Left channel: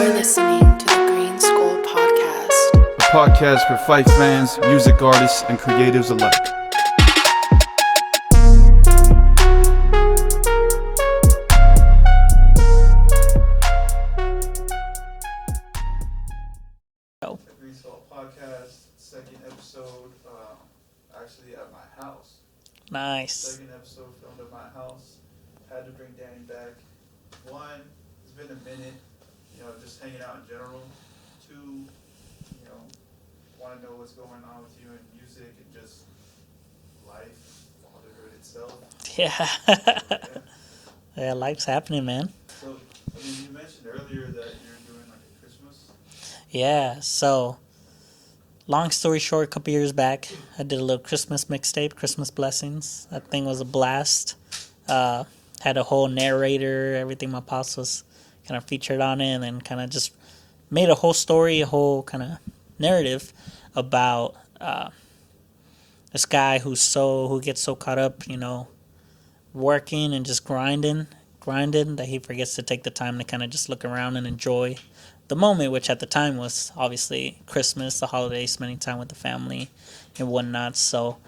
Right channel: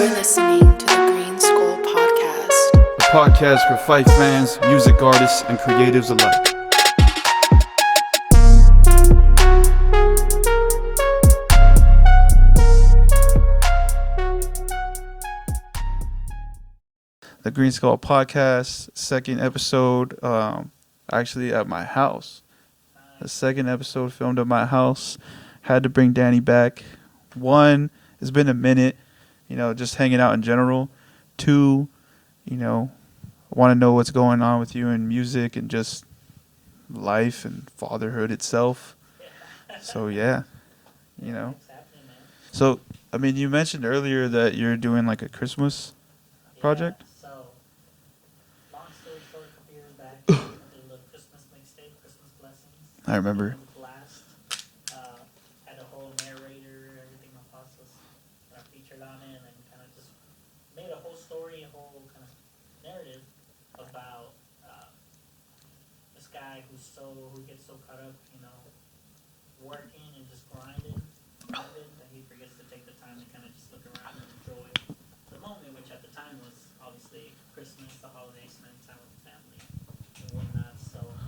You're listening to the GreenSkull podcast. A podcast for Fife fans, music artists, and creatives alike. The GreenSkull podcast, second episode, actually at my house. Nice. The second episode filmed at my house. Had to bring Danny back. One, it's been a minute, just hanging out in general. Two, I want to know what's going on with you in music and just life and fatherhood itself. Yeah. So, yeah. Yeah, life's happening, man. So, you mentioned earlier that you're doing like a Christmas project? So long story short, a couple years back, I did a little Christmas mixtape, Christmas Blessings. I remember. That thing was a blast. Had a whole narrator, everything my pops was kind of featured on it, and then kind of just made a whole story, a whole kind of narrative about this guy who gets so caught up, working and just grinding that he forgets to take the time to kind of just look around and enjoy the moment, which at the time was obviously Christmas, the holidays, spending time with the family and whatnot. So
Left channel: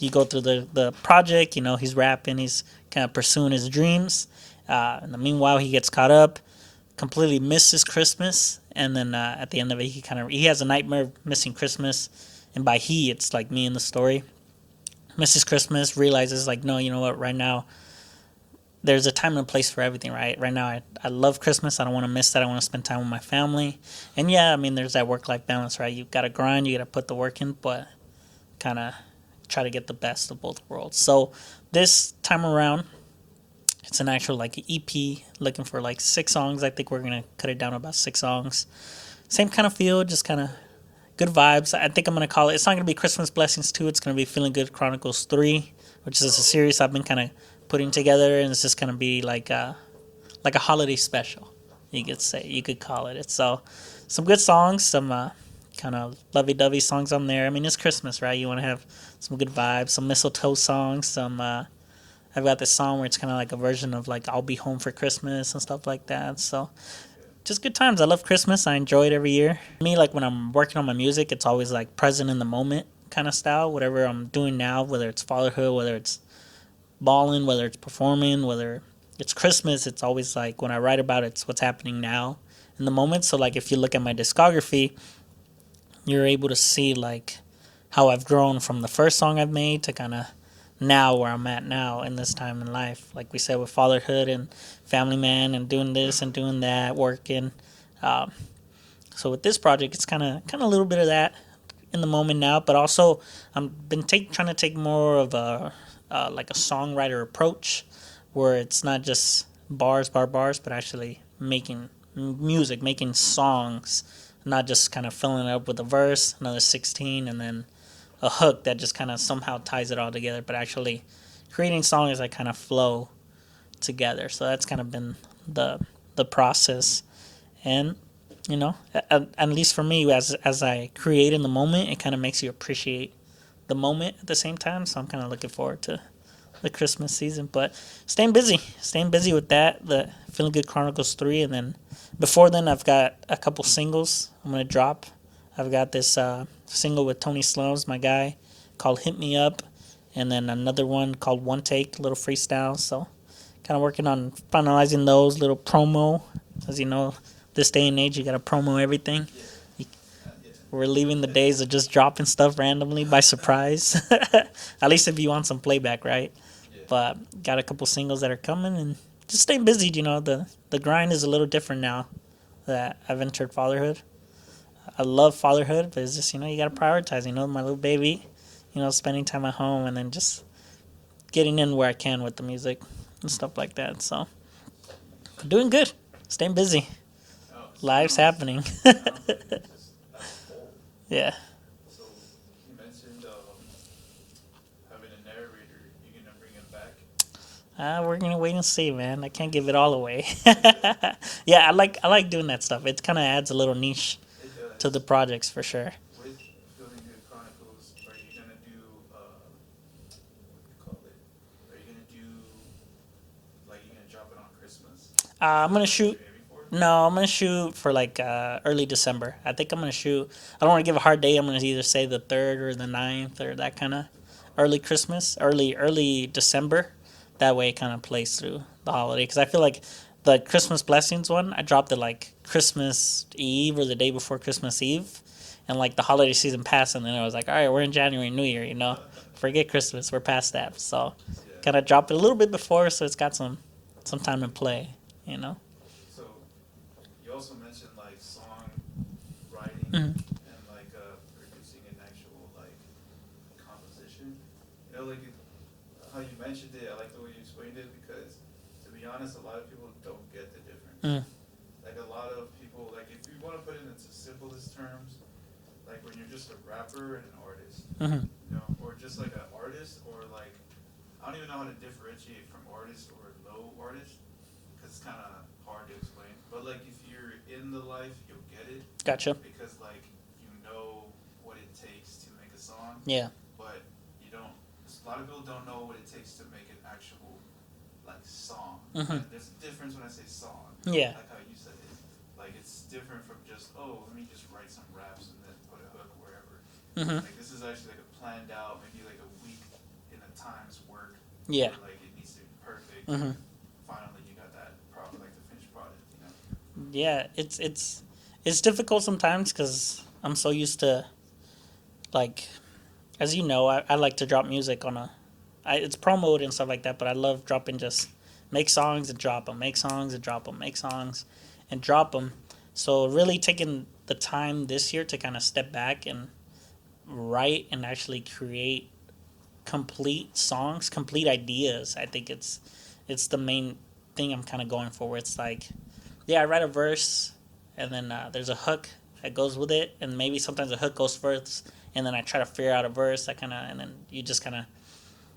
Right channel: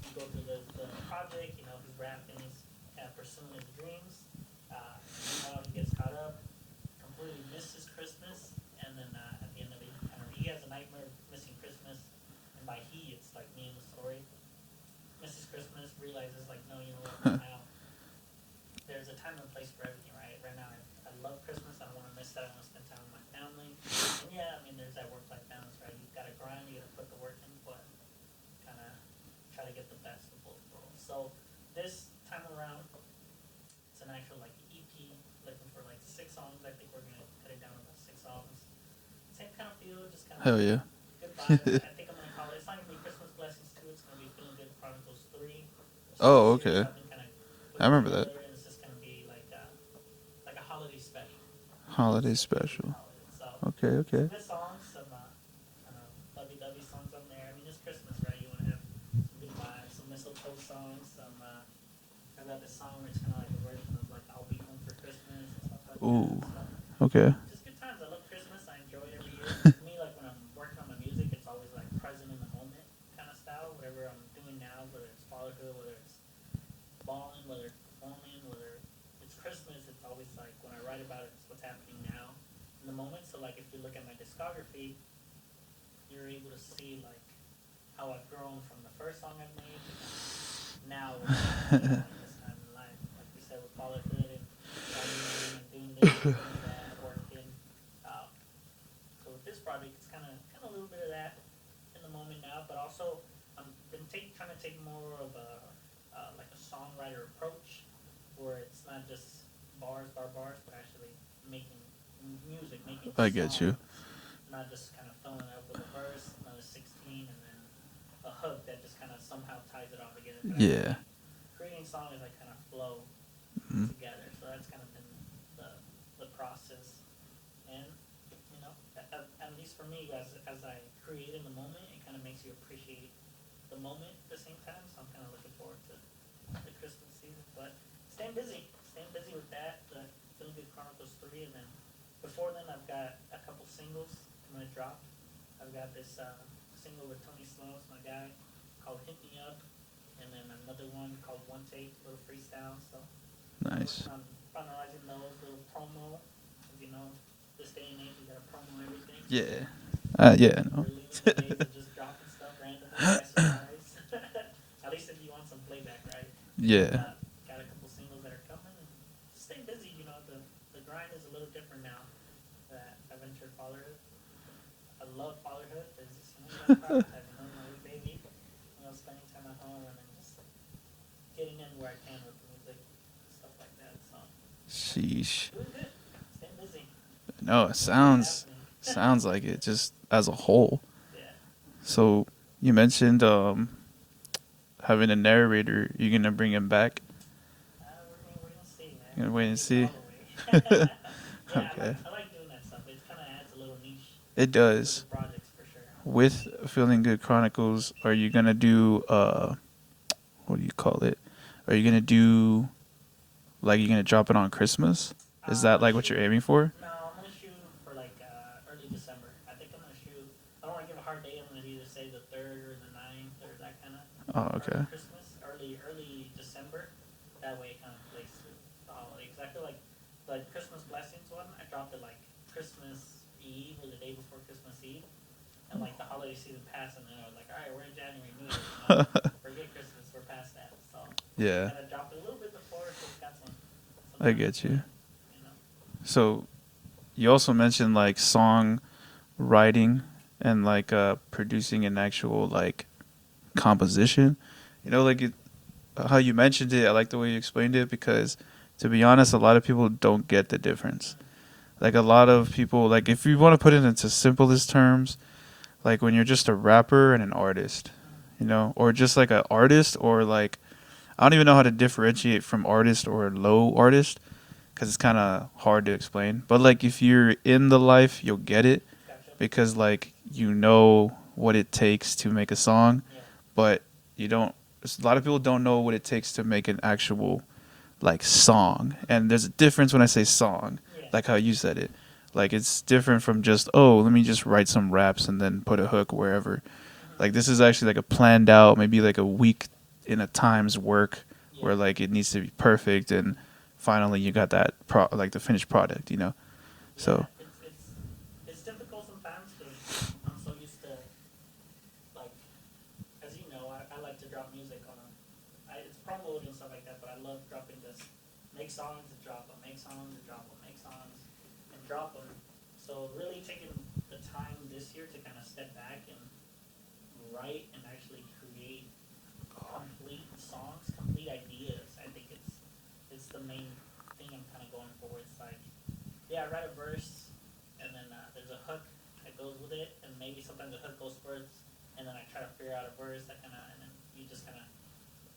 you go through the project, he's rapping, he's kind of pursuing his dreams. In the meanwhile, he gets caught up, completely misses Christmas, and then at the end of it, he has a nightmare of missing Christmas, and by he, it's like me in the story. Misses Christmas, realizes like, no, you know what, right now, there's a time and a place for everything, right? Right now, I love Christmas. I don't want to miss that. I want to spend time with my family. And yeah, there's that work-life balance, right? You've got to grind. You got to put the work in, but kind of try to get the best of both worlds. So this time around, it's an actual like EP, looking for like 6 songs. I think we're going to cut it down to about 6 songs. Same kind of feel, just kind of good vibes. I think I'm going to call it, it's not going to be Christmas Blessings 2. It's going to be Feeling Good Chronicles 3, which is a series I've been kind of putting together, and it's just gonna be like a holiday special. You could call it. So some good songs, some kind of lovey-dovey songs on there. It's Christmas, right? You want to have some good vibes, some mistletoe songs. Some I've got this song where it's kind of like a version of like I'll Be Home for Christmas and stuff like that. So just good times. I love Christmas. I enjoy it every year. Me, like when I'm working on my music, it's always like present in the moment kind of style. Whatever I'm doing now, whether it's fatherhood, whether it's balling, whether it's performing, whether it's Christmas, it's always like when I write about it, it's what's happening now in the moment. So like if you look at my discography, you're able to see like how I've grown from the first song I've made to kind of now where I'm at now in this time in life. Like we said, with fatherhood and family man and doing this and doing that, working. So with this project, it's kind of a little bit of that in the moment now, but also I've been trying to take more of a like a songwriter approach, where it's not just bars, but actually making music, making songs, not just kind of filling it up with a verse, another 16, and then a hook that just kind of somehow ties it all together, but actually creating songs that kind of flow together. So that's kind of been the process, and at least for me, as I create in the moment, it kind of makes you appreciate the moment at the same time. So I'm kind of looking forward to the Christmas season, but staying busy with that, the Feeling Good Chronicles 3, and then before then I've got a couple singles I'm going to drop. I've got this single with Tony Slums, my guy, called Hit Me Up, and then another one called One Take, a little freestyle. So kind of working on finalizing those, little promo. As you know, this day and age, you got to promo everything. We're leaving the days of just dropping stuff randomly by surprise. At least if you want some playback, right? Yeah. But got a couple singles that are coming, and just staying busy. The grind is a little different now that I've entered fatherhood. I love fatherhood, but it's just, you got to prioritize, my little baby, spending time at home, and then just getting in where I can with the music and stuff like that. So, doing good, staying busy. No, it life's happening. Sounds like it, just as a whole. Yeah. So you mentioned having a narrator. You gonna bring him back? We're gonna wait and see, man. I can't give it all away. Yeah, I like doing that stuff. It kind of adds a little niche. It does to the projects for sure. With Feeling Good Chronicles, are you gonna do what do you call it? Are you gonna do like you're gonna drop it on Christmas? Is I'm that gonna like what shoot. you're aiming for? No, I'm gonna shoot for like early December. I think I'm gonna shoot. I don't want to give a hard date. I'm gonna either say the 3rd or the 9th or that kind of Oh, early okay. Christmas, early December. That way, it kind of plays through the holiday. Because I feel like the Christmas blessings one, I dropped it like Christmas Eve or the day before Christmas Eve, and like the holiday season passed, and then I was like, all right, we're in January, New Year. Forget Christmas. We're past that. So Yeah, kind of dropped it a little bit before, so it's got some I time to get you. play. You know. So you also mentioned like song writing Mhm. and like producing an actual like composition. Like how you mentioned it. I like the way you explained it because, to be honest, a lot of people don't get the difference. Mm. Like a lot of people, like if you want to put it into simplest terms, like when you're just a rapper and an artist, Mhm. or just like an artist, or like I don't even know how to differentiate from artist or low artist because it's kind of hard to explain. But like if you're in the life, you'll get it Gotcha. because like you know what it takes to make a song, Yeah. but you don't. A lot of people don't know what it takes to make an actual like song, and there's a difference when I say song, Yeah. like how you said it. Like it's different from just, oh, let me just write some raps and then put a hook wherever. Mhm. Like this is actually like a planned out, maybe like a week in a time's work, Yeah. where like it needs to be perfect, and finally you got that like the finished product. Yeah. So It's difficult sometimes because I'm so used to, like, as you know, I like to drop music on it's promoted and stuff like that, but I love dropping, just make songs and drop them, make songs and drop them, make songs and drop them. So really taking the time this year to kind of step back and write and actually create complete songs, complete ideas. I think it's the main thing I'm kind of going for. Where it's like, yeah, I write a verse, and then there's a hook that goes with it, and maybe sometimes a hook goes first, and then I try to figure out a verse that and then you just kind of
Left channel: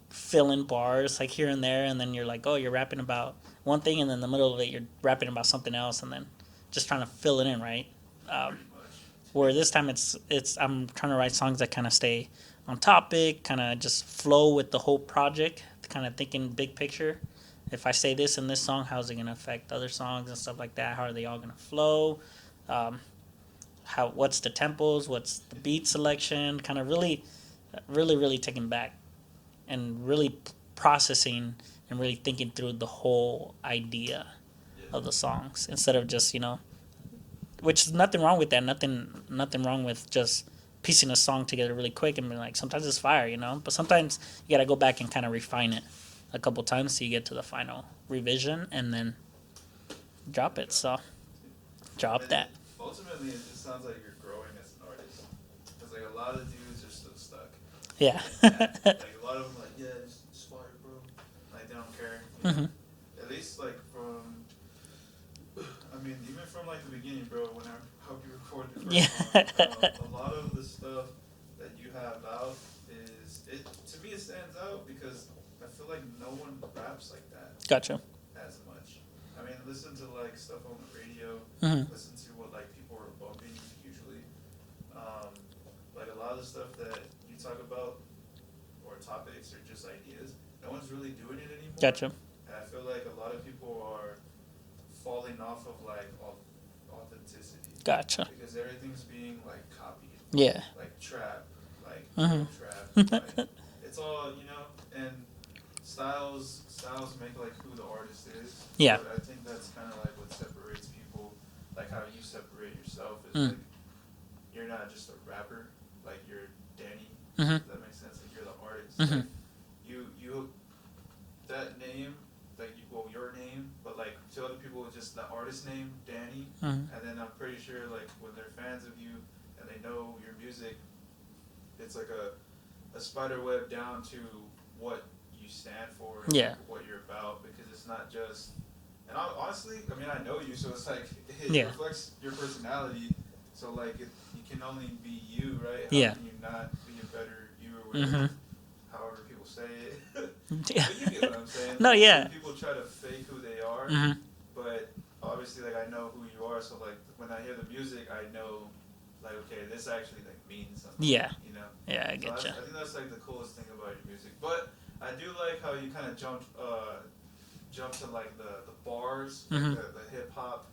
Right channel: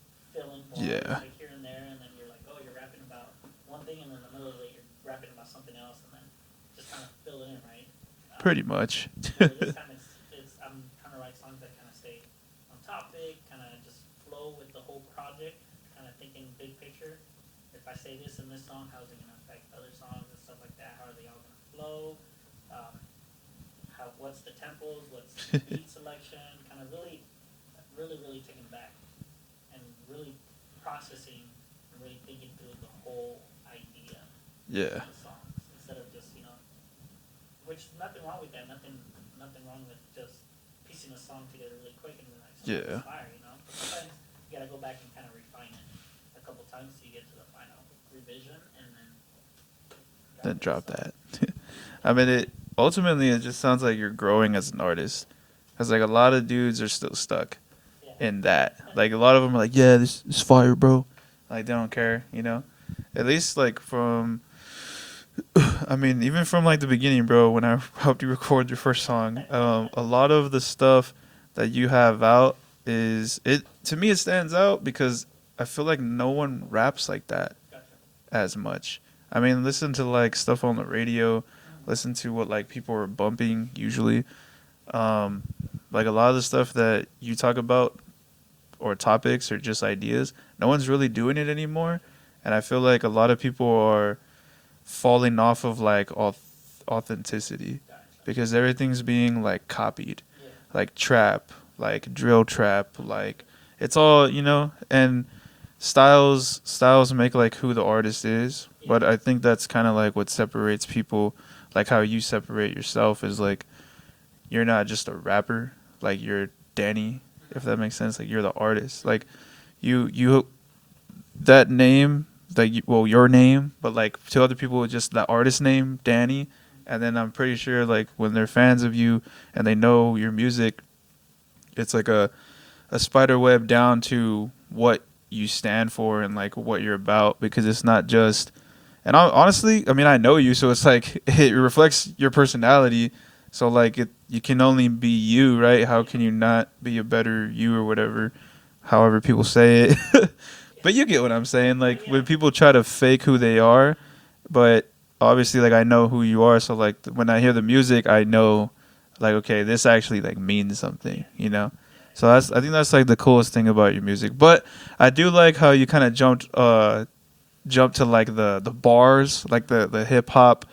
fill in bars Yeah. like here and there, and then you're like, oh, you're rapping about one thing, and then in the middle of it you're rapping about something else, and then just trying to fill it in, right? pretty much. Where this time it's I'm trying to write songs that kind of stay on topic, kind of just flow with the whole project, kind of thinking big picture. If I say this in this song, how's it gonna affect other songs and stuff like that? How are they all gonna flow? What's the tempos? What's the beat selection? Kind of really taking back and really processing and really thinking through the whole idea Yeah. of the songs instead of just which is nothing wrong with that. Nothing wrong with just piecing a song together really quick and being like, sometimes it's Yeah. fire. But sometimes you gotta go back and kind of refine it a couple times so you get to the final revision and then drop Then it. drop So that. drop that. Ultimately it just sounds like you're growing as an artist, because like a lot of dudes are still stuck Yeah. in that. Like a lot of them are like, yeah, this is fire, bro. Like they don't care. Mhm. At least like from, I mean, even from like the beginning, bro. When I helped you record your first song, a lot of the stuff that you have out to me it stands out because I feel like no one raps like that Gotcha. as much. I mean, listen to like stuff on the radio, Mhm. listen to what like people are bumping usually. Like a lot of the stuff that you talk about or topics or just ideas, no one's really doing it anymore. Gotcha. And I feel like a lot of people are falling off of like authenticity Gotcha. because everything's being like copied, Yeah. like trap, like drill trap, like it's all and styles make like who the artist is. Yeah. But I think that's kind of like what separates people, like how you separate yourself is like you're not just a rapper, like you're Danny, if that makes sense. Like you're the artist, like you that name, like your name, but like to other people it's just the artist name Danny. And then I'm pretty sure like when they're fans of you and they know your music, it's like a spider web down to what you stand for and like what you're about, because it's not just, and honestly, I mean, I know you, so it's like it reflects your personality. So like you can only be you, right? How can you not be a better you or whatever, however people say it? But you get what I'm saying. Like when people try to fake who they are, but obviously like I know who you are. So like when I hear the music, I know like, okay, this actually like means something, Yeah. So I think that's like the coolest thing about your music. But I do like how you kind of jumped jump to like the bars, like the hip hop,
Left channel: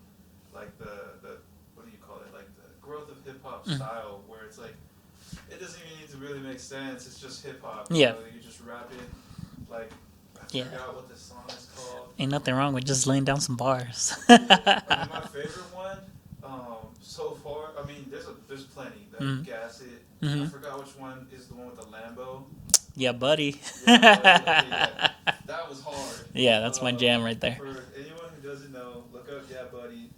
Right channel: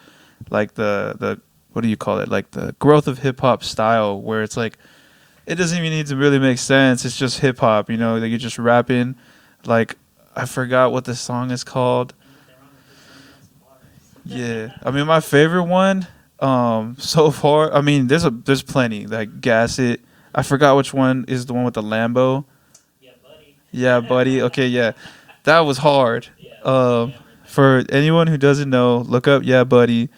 like the what do you call it? Like the growth of hip hop style, where it's like it doesn't even need to really make sense. It's just hip hop, you know. Like you're just rapping. Like I forgot what the song is called. Ain't nothing wrong with just laying down some bars. Yeah, I mean my favorite one so far. I mean there's plenty like Gas It. I forgot which one is the one with the Lambo. Yeah, buddy. Yeah, buddy. Okay, yeah, that was hard. Yeah, that's my jam right there. For anyone who doesn't know, look up Yeah, Buddy.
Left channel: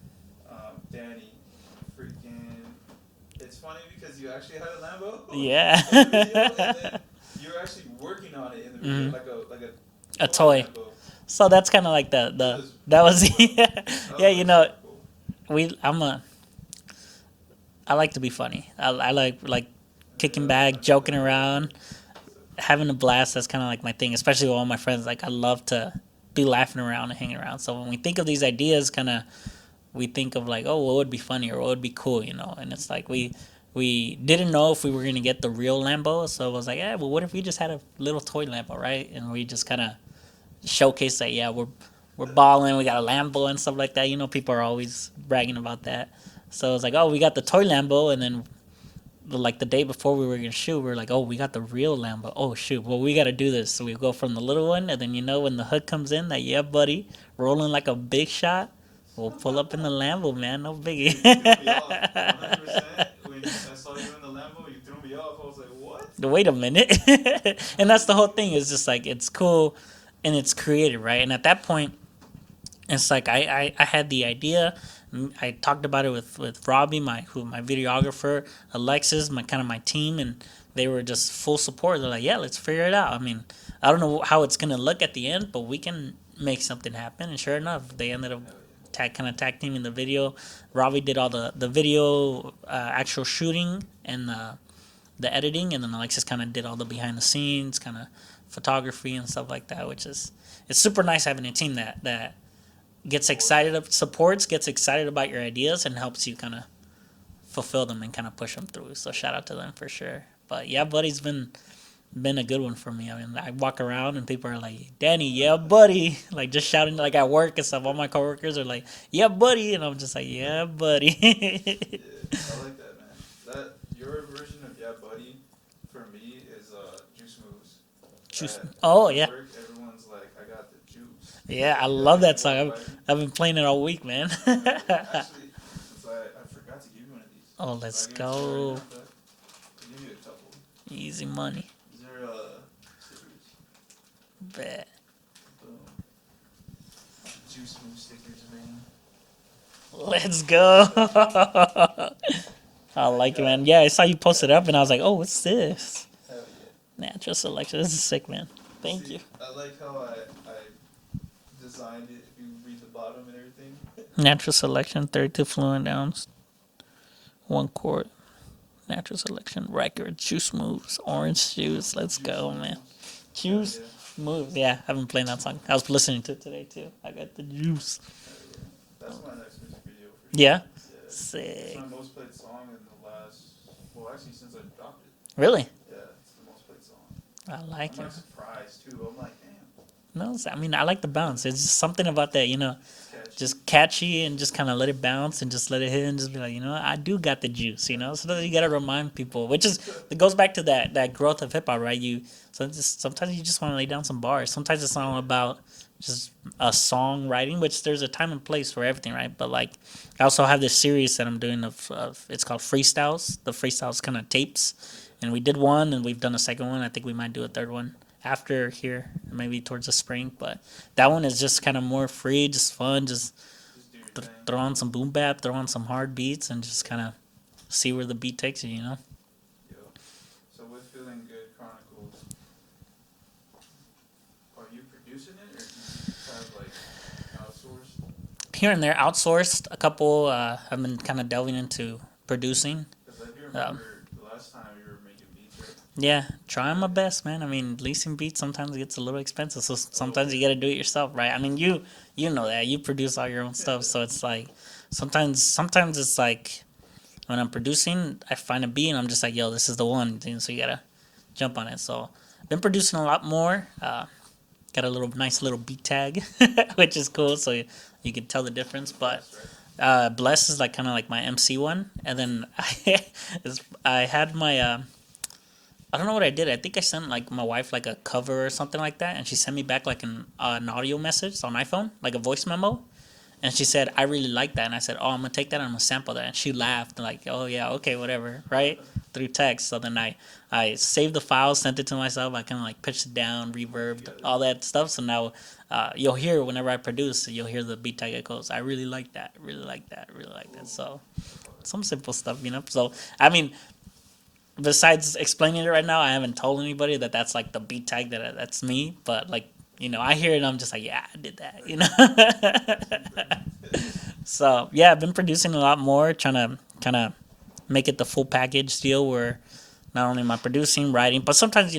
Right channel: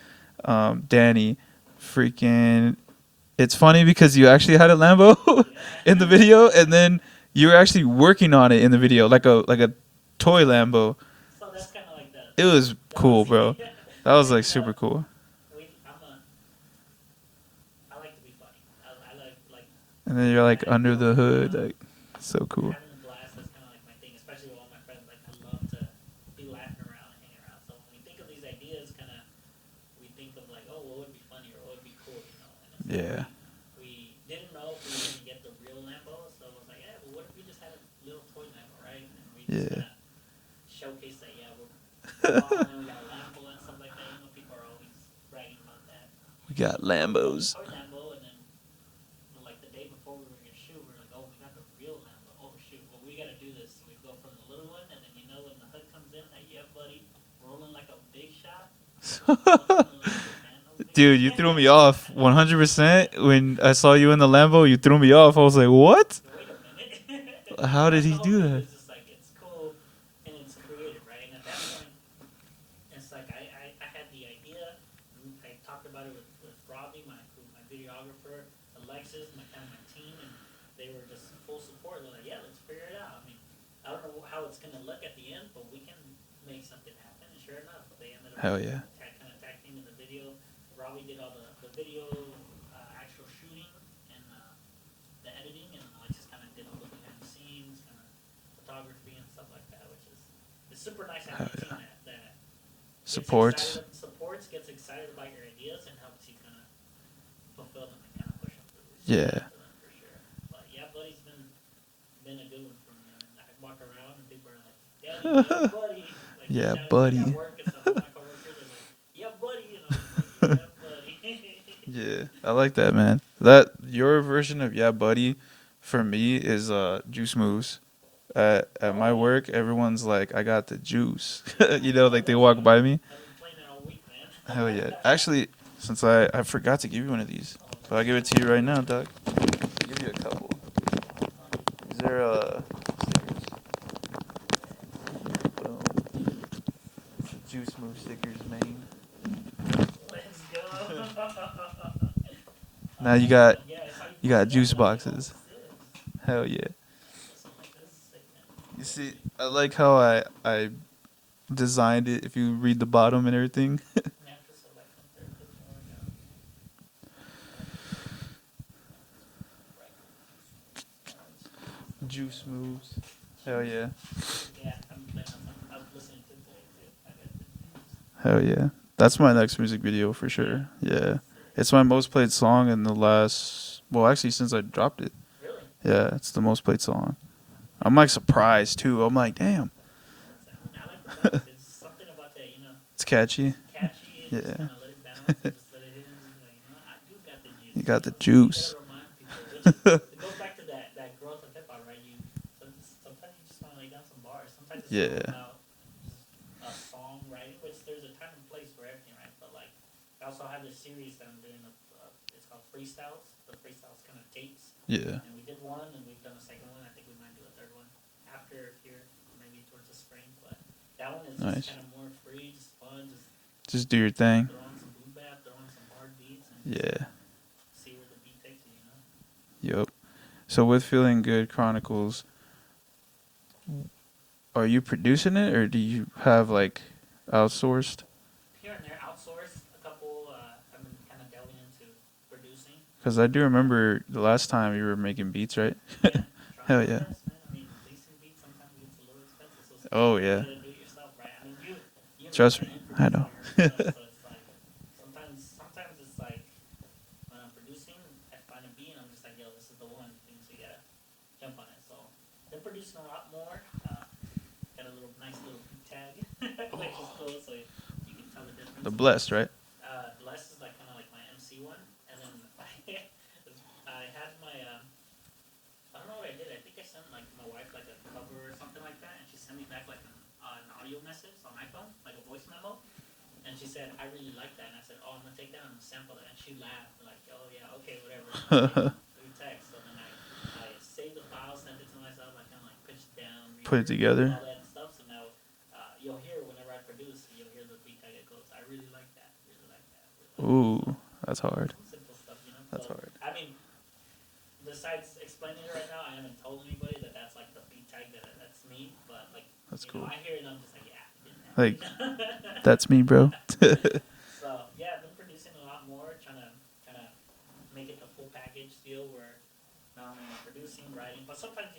Danny, freaking. It's funny because you actually had a Lambo in the video, and then you were actually working on it in the video, like a toy Lambo. So that's kind of like that. It was cool, bro. Yeah. That was like super cool. I like to be funny. I like And then kicking you're, like, back, under joking the hood, around, like, so cool. having a blast. That's kind of like my thing, especially with all my friends. Like I love to be laughing around and hanging around. So when we think of these ideas, we think of like, oh, what would be funny or what would be cool, you know? And it's like we didn't know if we were gonna get the real Lambo, so it was like, yeah, well, what if we just had a little toy Lambo, right? And we just kind of showcase that, yeah, we're balling, we got a Lambo and stuff like that. You know, people are always bragging about that. So it's like, oh, we got the toy Lambo, and then like the day before we were gonna shoot, we were like, oh, we got the real Lambo. Oh shoot, well, we got to do this. So we go from the little one, and then when the hood comes in, that yeah, buddy, rolling like a big shot. We'll pull up in the Lambo, man. No big. Dude, you threw me off 100%. When I saw you in the Lambo, you threw me off. I was like, what? Wait a minute. And that's the whole thing. It's just like, it's cool and it's creative, right? And at that point, it's like I had the idea. I talked about it with Robbie, my videographer, Alexis, my team, and they were just full support. They're like, yeah, let's figure it out. I mean, I don't know how it's gonna look at the end, but we can make something happen. And sure enough, they ended up tag team in the video. Robbie did all the video, actual shooting and the editing, and then Alexis kind of did all the behind the scenes, kind of photography and stuff like that. Which is, it's super nice having a team that gets gets excited about your ideas and helps you kind of fulfill them and kind of push them through. So shout out to them for sure. But yeah, buddy's been a good one for me. I mean, I walk around and people are like, Danny, yeah, buddy. Like, just shouting, buddy. Like, at work and stuff. All my coworkers are like, yeah, buddy. And I'm just like, yeah, buddy. Yeah, I like that, man. That your version of yeah, buddy, for me, is Juice Moves. At my work, everyone's like, I got the juice. Yeah, I love that they walk by me. I've been playing it all week, man. Hell yeah. Actually, since I forgot to give you one of these. Oh, let's so I'll give it to you right now, Doug. I'll give you a couple. Easy money. Is there Bet. Boom. Juice Move stickers, man. Let's go. I like it, man. Yeah, I saw you post it up, and I was like, oh, what's this? Hell yeah. Natural selection. This is sick, man. Thank you. I like how I designed it. If you read the bottom and everything. Natural selection, 32 fluent ounce, 1 quart. Natural selection, record, juice moves, orange juice. Let's go, man. Juice moves. Yeah, I've been playing that song. I was listening to it today too. I got the juice. Hell yeah. That's my next music video for sure. Yeah? Yeah. Sick. It's my most played song in the last, well, actually, since I dropped it. Really? Yeah, it's the most played song. I'm like surprised too. I'm like, damn. No, I mean, I like the bounce. It's just something about that, It's catchy. Just catchy and just kind of let it bounce and just let it hit and just be like, I do got the juice. You So you got to remind people, which is, it goes back to that growth of hip hop, right? Sometimes you just want to lay down some bars. Sometimes it's all about just a song writing, which there's a time and place for everything, right? But like, I also have this series that I'm doing of it's called Freestyles. The Freestyles kind of tapes. Yeah. And we did one, and we've done a second one. I think we might do a third one after here, maybe towards the spring. But that one is just kind of more free, just fun, just do your thing. Throw on some boom bap, throw on some hard beats, and just kind of see where the beat takes you. Yep. So with Feeling Good Chronicles, are you producing it, or do you have like outsourced? Here and there, outsourced. A couple. I've been kind of delving into producing. Because I do remember the last time you were making beats, right? Yeah, trying my best, man. I mean, leasing beats sometimes gets a little expensive, so sometimes you got to do it yourself, right? I mean, you know Trust that. Me. You produce all your own stuff, so it's like sometimes it's like when I'm producing, I find a beat and I'm just like, yo, this is the one, so you got to jump on it. So I've been producing a lot more. got a nice little beat tag, which is cool. So you can tell the difference. The Blessed, right? Bless is like kind of like my MC one, and then I had my I don't know what I did. I think I sent like my wife like a cover or something like that, and she sent me back like an audio message on iPhone, like a voice memo, and she said I really like that, and I said, oh, I'm gonna take that and I'm gonna sample that, and she laughed like, oh yeah, okay, whatever, right, through text. So then I saved the file, sent it to myself. I kind of like pitched it down, Put it reverb, together. all that stuff. So now you'll hear whenever I produce, you'll hear the beat tag that goes, I really like that, really like that, really like Ooh, that. So that's hard. some simple stuff, So I mean, besides explaining it right now, I haven't told anybody that that's like the beat tag that's me. But like cool. I hear it and I'm just like, yeah, I did that. Like, that's me, bro. So yeah, I've been producing a lot more, trying to kind of make it the full package deal where not only am I producing, writing, but sometimes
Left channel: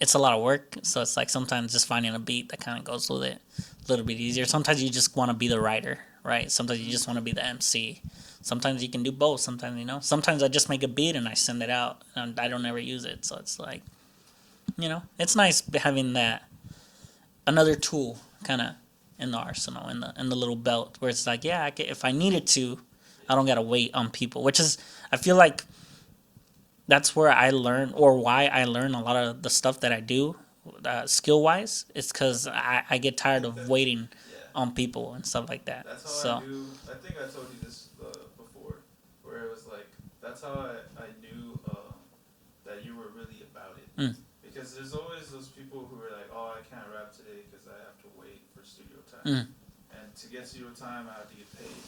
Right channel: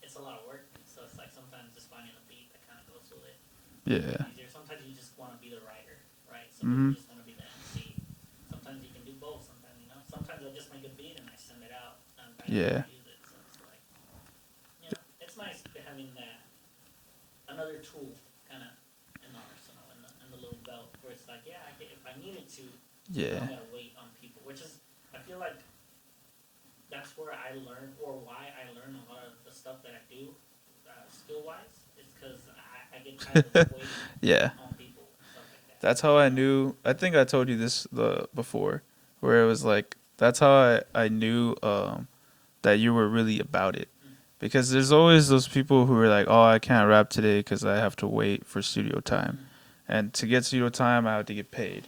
it's a lot of work. So it's like sometimes just finding a beat that kind of goes with it a little bit easier. Sometimes you just want to be the writer, right? Sometimes you just want to be the MC. Sometimes you can do both. Sometimes, sometimes I just make a beat and I send it out and I don't ever use it. So it's like, it's nice having that another tool kind of in the arsenal, in the little belt where it's like, yeah, if I needed to, I don't got to wait on people, which is, I feel like that's where I learn, or why I learn a lot of the stuff that I do skill wise. It's because I get tired of waiting on people and stuff like that. That's how I knew. I think I told you this before, where it was like, that's how I knew that you were really about it. Because there's always those people who are like, oh, I can't rap today because I have to wait for studio time. And to get studio time, I have to get paid.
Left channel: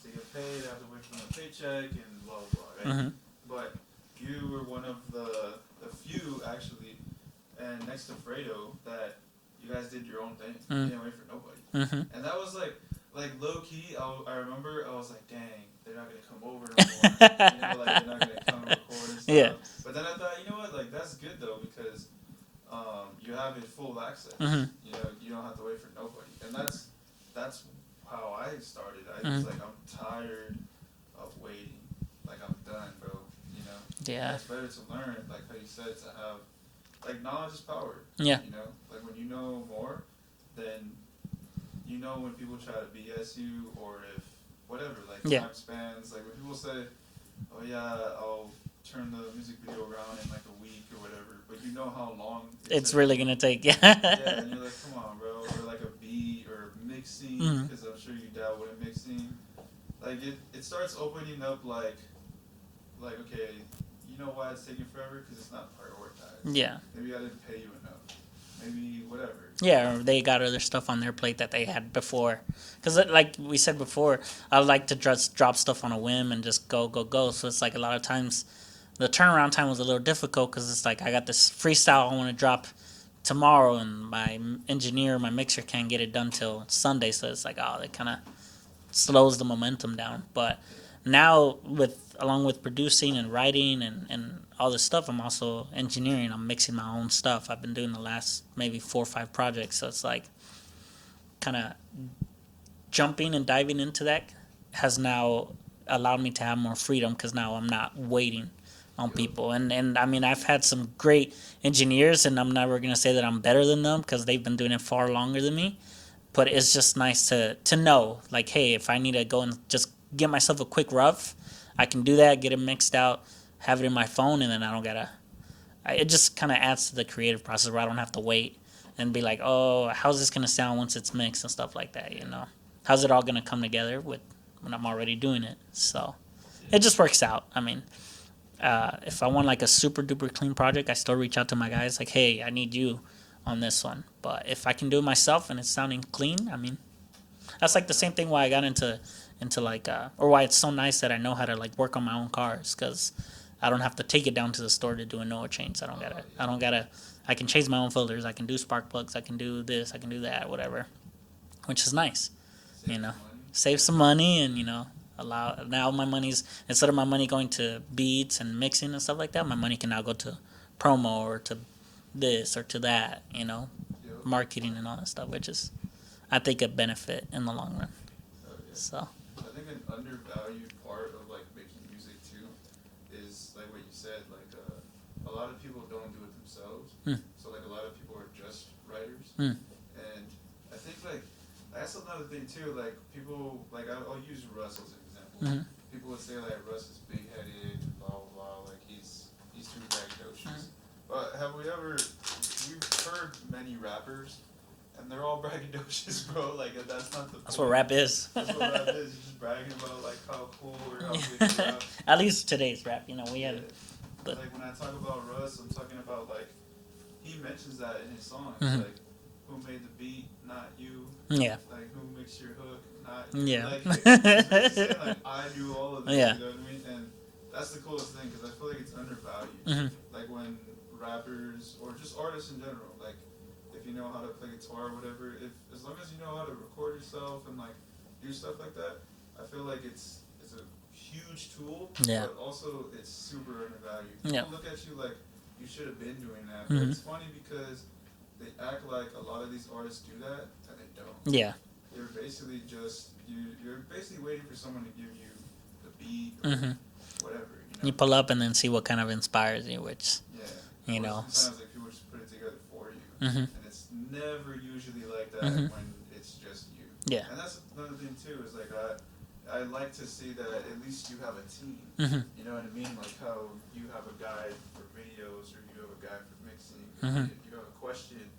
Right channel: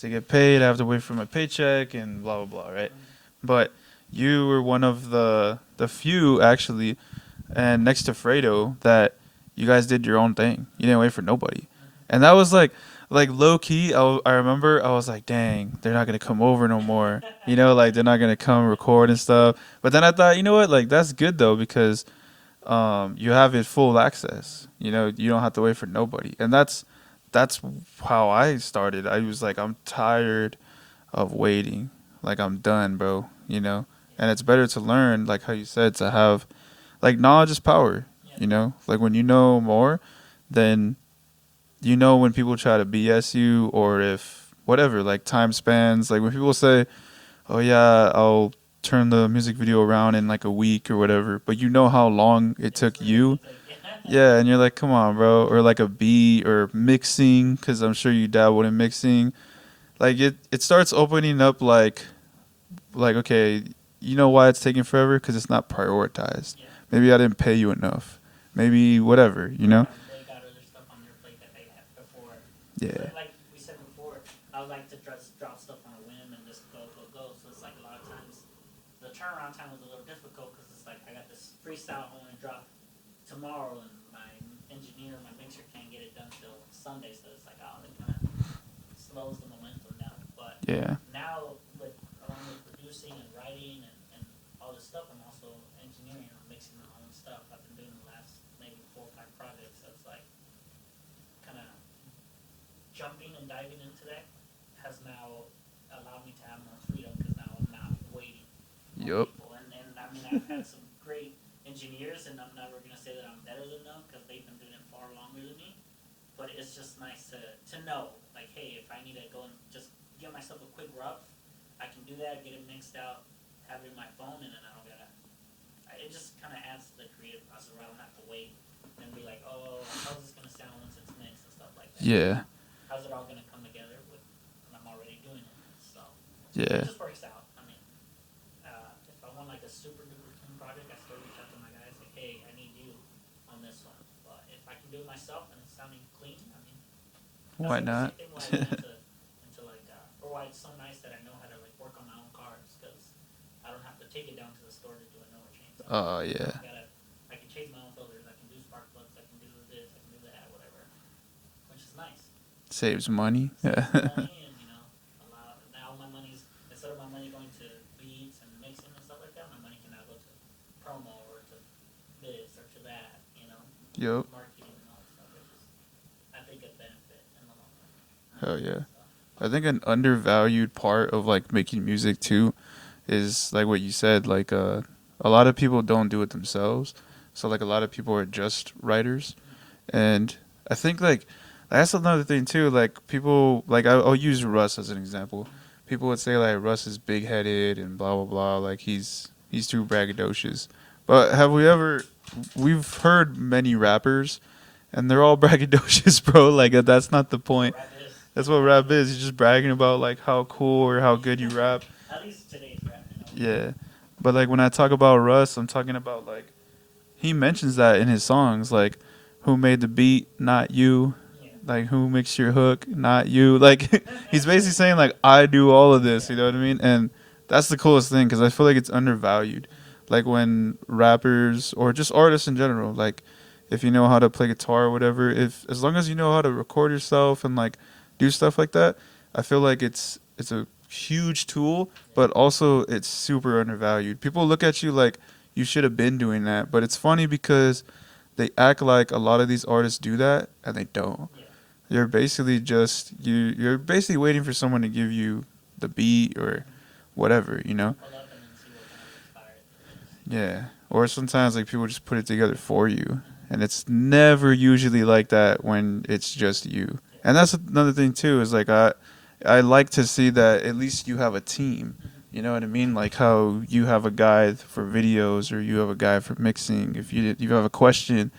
To get paid, I have to wait for my paycheck and blah, blah, blah, right? But you were one of the few, actually, and next to Fredo, that you guys did your own thing. You didn't wait for nobody. And that was like low key, I remember I was like, dang, they're not going to come over no more. Like they're not going to come record and stuff. But then I thought, you know what, like that's good though, because you have it full access. You don't have to wait for nobody. And that's how I started. I was like, I'm tired of waiting. Like I'm done, bro. And it's better to learn, like how you said, to have, like, knowledge is power. Like when you know more, then when people try to BS you, or if whatever, like time spans, like when people say, oh yeah, I'll turn the music video around in like a week or whatever, but how long it's took really you. Gonna take, and you're like, come on, bro. Or like a beat or mixing, because I'm sure you dabbled in mixing. Like it starts opening up like okay, you know why it's taking forever? Because it's not prioritized. Maybe I didn't pay you enough. Maybe whatever. You know? Or they got other stuff on their plate that they had before. Because like we said before, I like to just drop stuff on a whim and just go. So it's like a lot of times the turnaround time was a little difficult because it's like I got this freestyle I want to drop tomorrow, and my engineer, my mixer can't get it done till Sunday. So it's like, oh, it kind of slows the momentum down. But now along with producing and writing and all this stuff, I'm also engineering. I'm mixing my own stuff. I've been doing the last maybe 4 or 5 projects. So it's like kind of jumping and diving into that has now allowed me to have more freedom, because now I'm not waiting on people. And I mean, I've had some great engineers, and I'm never going to say that I'm better than them because they've been doing it far longer than me. But it's just nice to know, like, hey, if I need to go and just get myself a quick rough, I can do that, get it mixed out, have it in my phone, and then I don't gotta. It just kind of adds to the creative process where I don't have to wait and be like, oh, how's this gonna sound once it's mixed and stuff like that. How's it all gonna come together when I'm already doing it? So it just works out. I mean, if I want like a super duper clean project, I still reach out to my guys like, hey, I need you on this one. But if I can do it myself and it's sounding clean, I mean, that's the same thing why I got into like or why it's so nice that I know how to like work on my own cars, because I don't have to take it down to the store to do a no change. I don't gotta. I can change my own filters. I can do spark plugs. I can do this. I can do that. Whatever, which is nice. Saves money. Save some money, and allow now my money's, instead of my money going to beats and mixing and stuff like that, my money can now go to promo or to this or to that. Marketing and all that stuff, which is, I think, a benefit in the long run. Hell yeah. So I think an undervalued part of like making music too is like what you said, like a lot of people don't do it themselves. So like a lot of people are just writers, and I think like that's another thing too. Like people like I'll use Russ as an example. People would say like Russ is big headed and blah blah blah. Like he's too braggadocious. But we've heard many rappers, and they're all braggadocious, bro. Like that's not the point. That's what rap is. That's what rap is. You're just bragging about like how cool or how good you rap. At least today's rap, Yeah. But like when I talk about Russ, I'm talking about like he mentions that in his songs, like who made the beat, not you. Yeah. Like who makes your hook, not you. Yeah. Like he's basically saying like I do all of this. Yeah. You know what I mean? And that's the coolest thing because I feel like it's undervalued. Like when rappers or just artists in general, like if you know how to play guitar or whatever, as long as you know how to record yourself and like do stuff like that, I feel like it's a huge tool, but also it's super undervalued. People look at you like you should have been doing that, but it's funny because they act like a lot of these artists do that and they don't. Yeah. You're basically just you're basically waiting for someone to give you the beat or whatever, you know. You pull up and then see what kind of inspires you, which or sometimes like people just put it together for you, and it's never usually like that when it's just you. Yeah. And that's another thing too is like I like to see that at least you have a team. You know what I mean? Like how you have a guy for videos or you have a guy for mixing. If you have a question,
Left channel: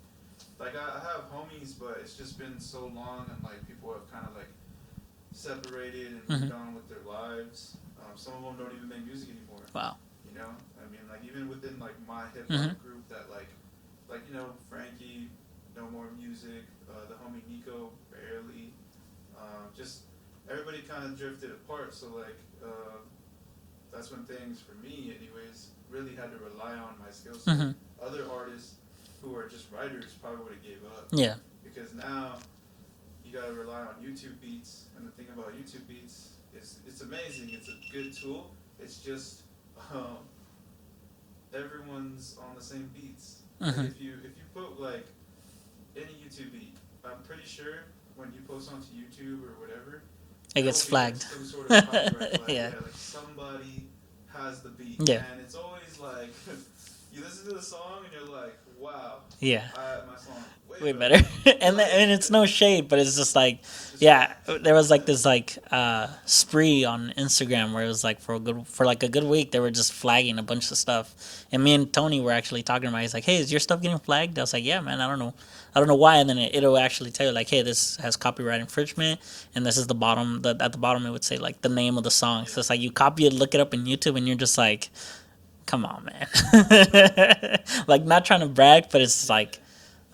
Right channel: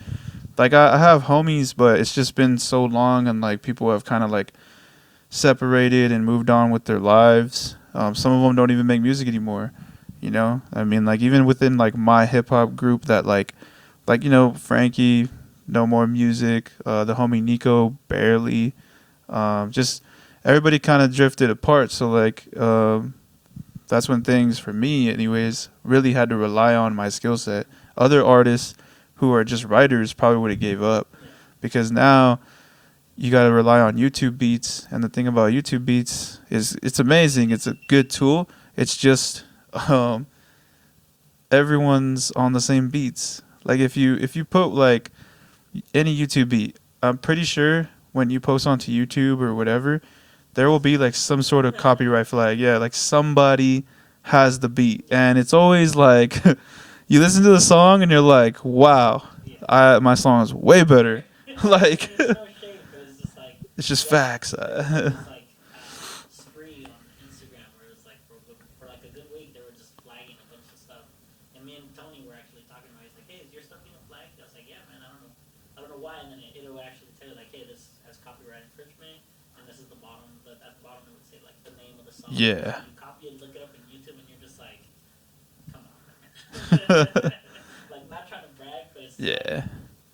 like I have homies, but it's just been so long and like people have kind of like separated and moved on with their lives. Some of them don't even make music anymore. Wow. You know, I mean, like even within like my hip hop group that like you know Frankie, no more music. The homie Nico barely. Just everybody kind of drifted apart. So like that's when things for me, anyways, really had to rely on my skill set. Other artists who are just writers probably would have gave up. Yeah. Because now you got to rely on YouTube beats, and the thing about YouTube beats is it's amazing. It's a good tool. It's just everyone's on the same beats. Like if you put like any YouTube beat, I'm pretty sure when you post onto YouTube or whatever, there will be like some sort of copyright flag. Yeah, like somebody has the beat, and it's always like you listen to the song and you're like, wow, my song is way better. And it's no shade, but it's just like it's just facts. There was like this like spree on Instagram where it was like for like a good week they were just flagging a bunch of stuff, and me and Tony were actually talking about it. He's like, hey, is your stuff getting flagged? I was like, yeah, man, I don't know why. And then it'll actually tell you like, hey, this has copyright infringement, and this is the bottom. At the bottom it would say like the name of the song. So it's like you copy it, look it up in YouTube, and you're just like, come on, man. Like not trying to brag, but it's like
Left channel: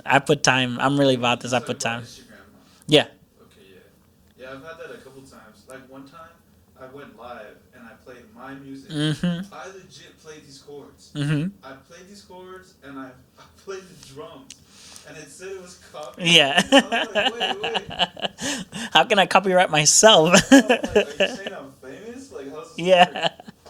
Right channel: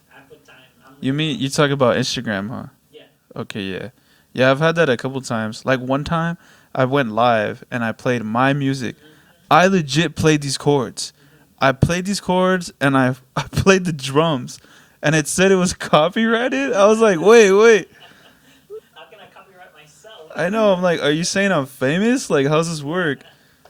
I put time. I'm really about this. You talk about Instagram, huh? Yeah. Okay, yeah. I've had that a couple times. Like one time, I went live and I played my music. I legit played these chords. I played these chords and I played the drums. And it said it was copyrighted. I was like, wait. How can I copyright myself? I know. I'm like, are you saying I'm famous? Like, how's this work?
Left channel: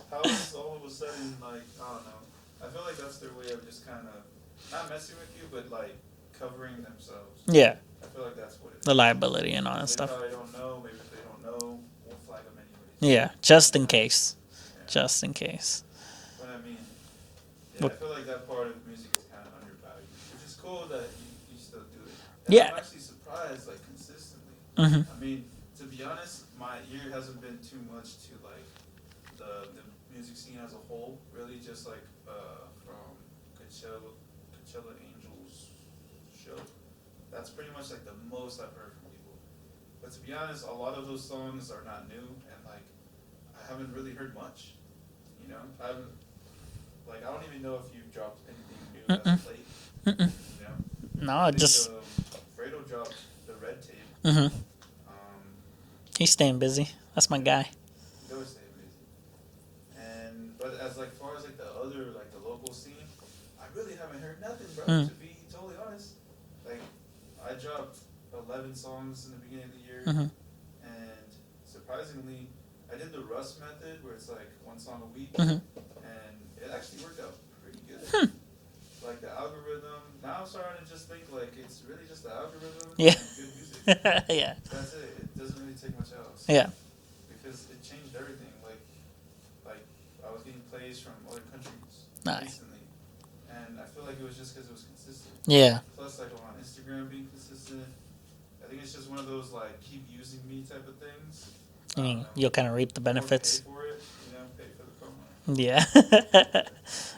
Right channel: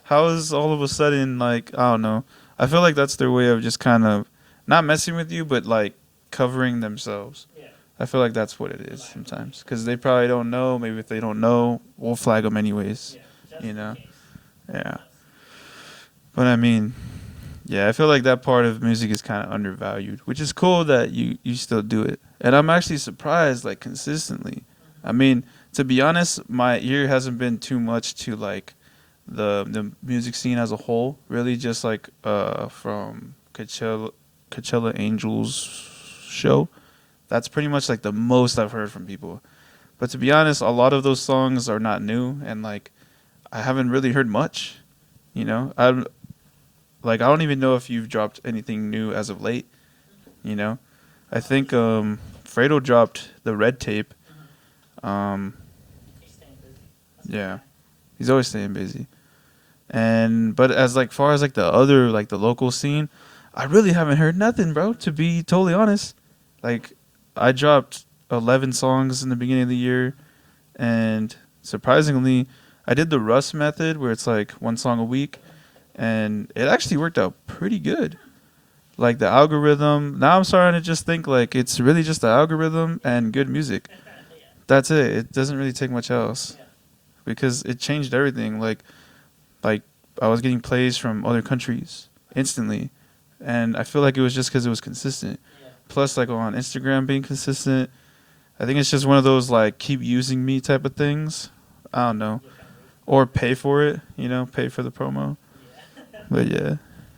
How is all of a sudden, like, I don't know. I feel like that's their way of just kind of not messing with you, but like covering themselves. Yeah. I feel like that's what it is. The liability and all that because they probably don't know. Maybe if they don't know, we'll flag them anyways. Yeah, just in case. Yeah. Just in case. But I mean, yeah, I feel like that part of music is kind of undervalued, which is cool that you still do it. And I'm actually surprised, like, consistently. I mean, to be honest, my ear hasn't been too much to, like, the music scene as a whole. Really just, like, from Coachella Angels show. That's pretty much, like, the most I've heard from people. But to be honest, a lot of those songs are not new. And, like, I haven't really heard much, you know? I don't even know if you've dropped anything new as of late. You know, no, I think Fredo dropped the Red Tape. He's staying busy. That's my guy. He's always staying busy. But as like far as like the other like the local scene, I really haven't heard nothing, bro. To be totally honest, like I dropped 11 songs in the beginning of the year, and surprisingly, I did the Russ method where it's like one song a week. And it actually worked out pretty good. Like the algorithm. Now I'm starting to just think like it's really just the algorithm and good music. That's it. It doesn't really take much else. Yeah. Because it changed everything. Like I was getting plays from other countries. instantly. And I feel like it was just because it was consistent. Yeah. Plus, like on Instagram being consistent, I think it's just one of those like keep using me type of things. I don't know. You'll kind of reap the Or benefits. pay for it, pay for the promo. Yeah. But yeah.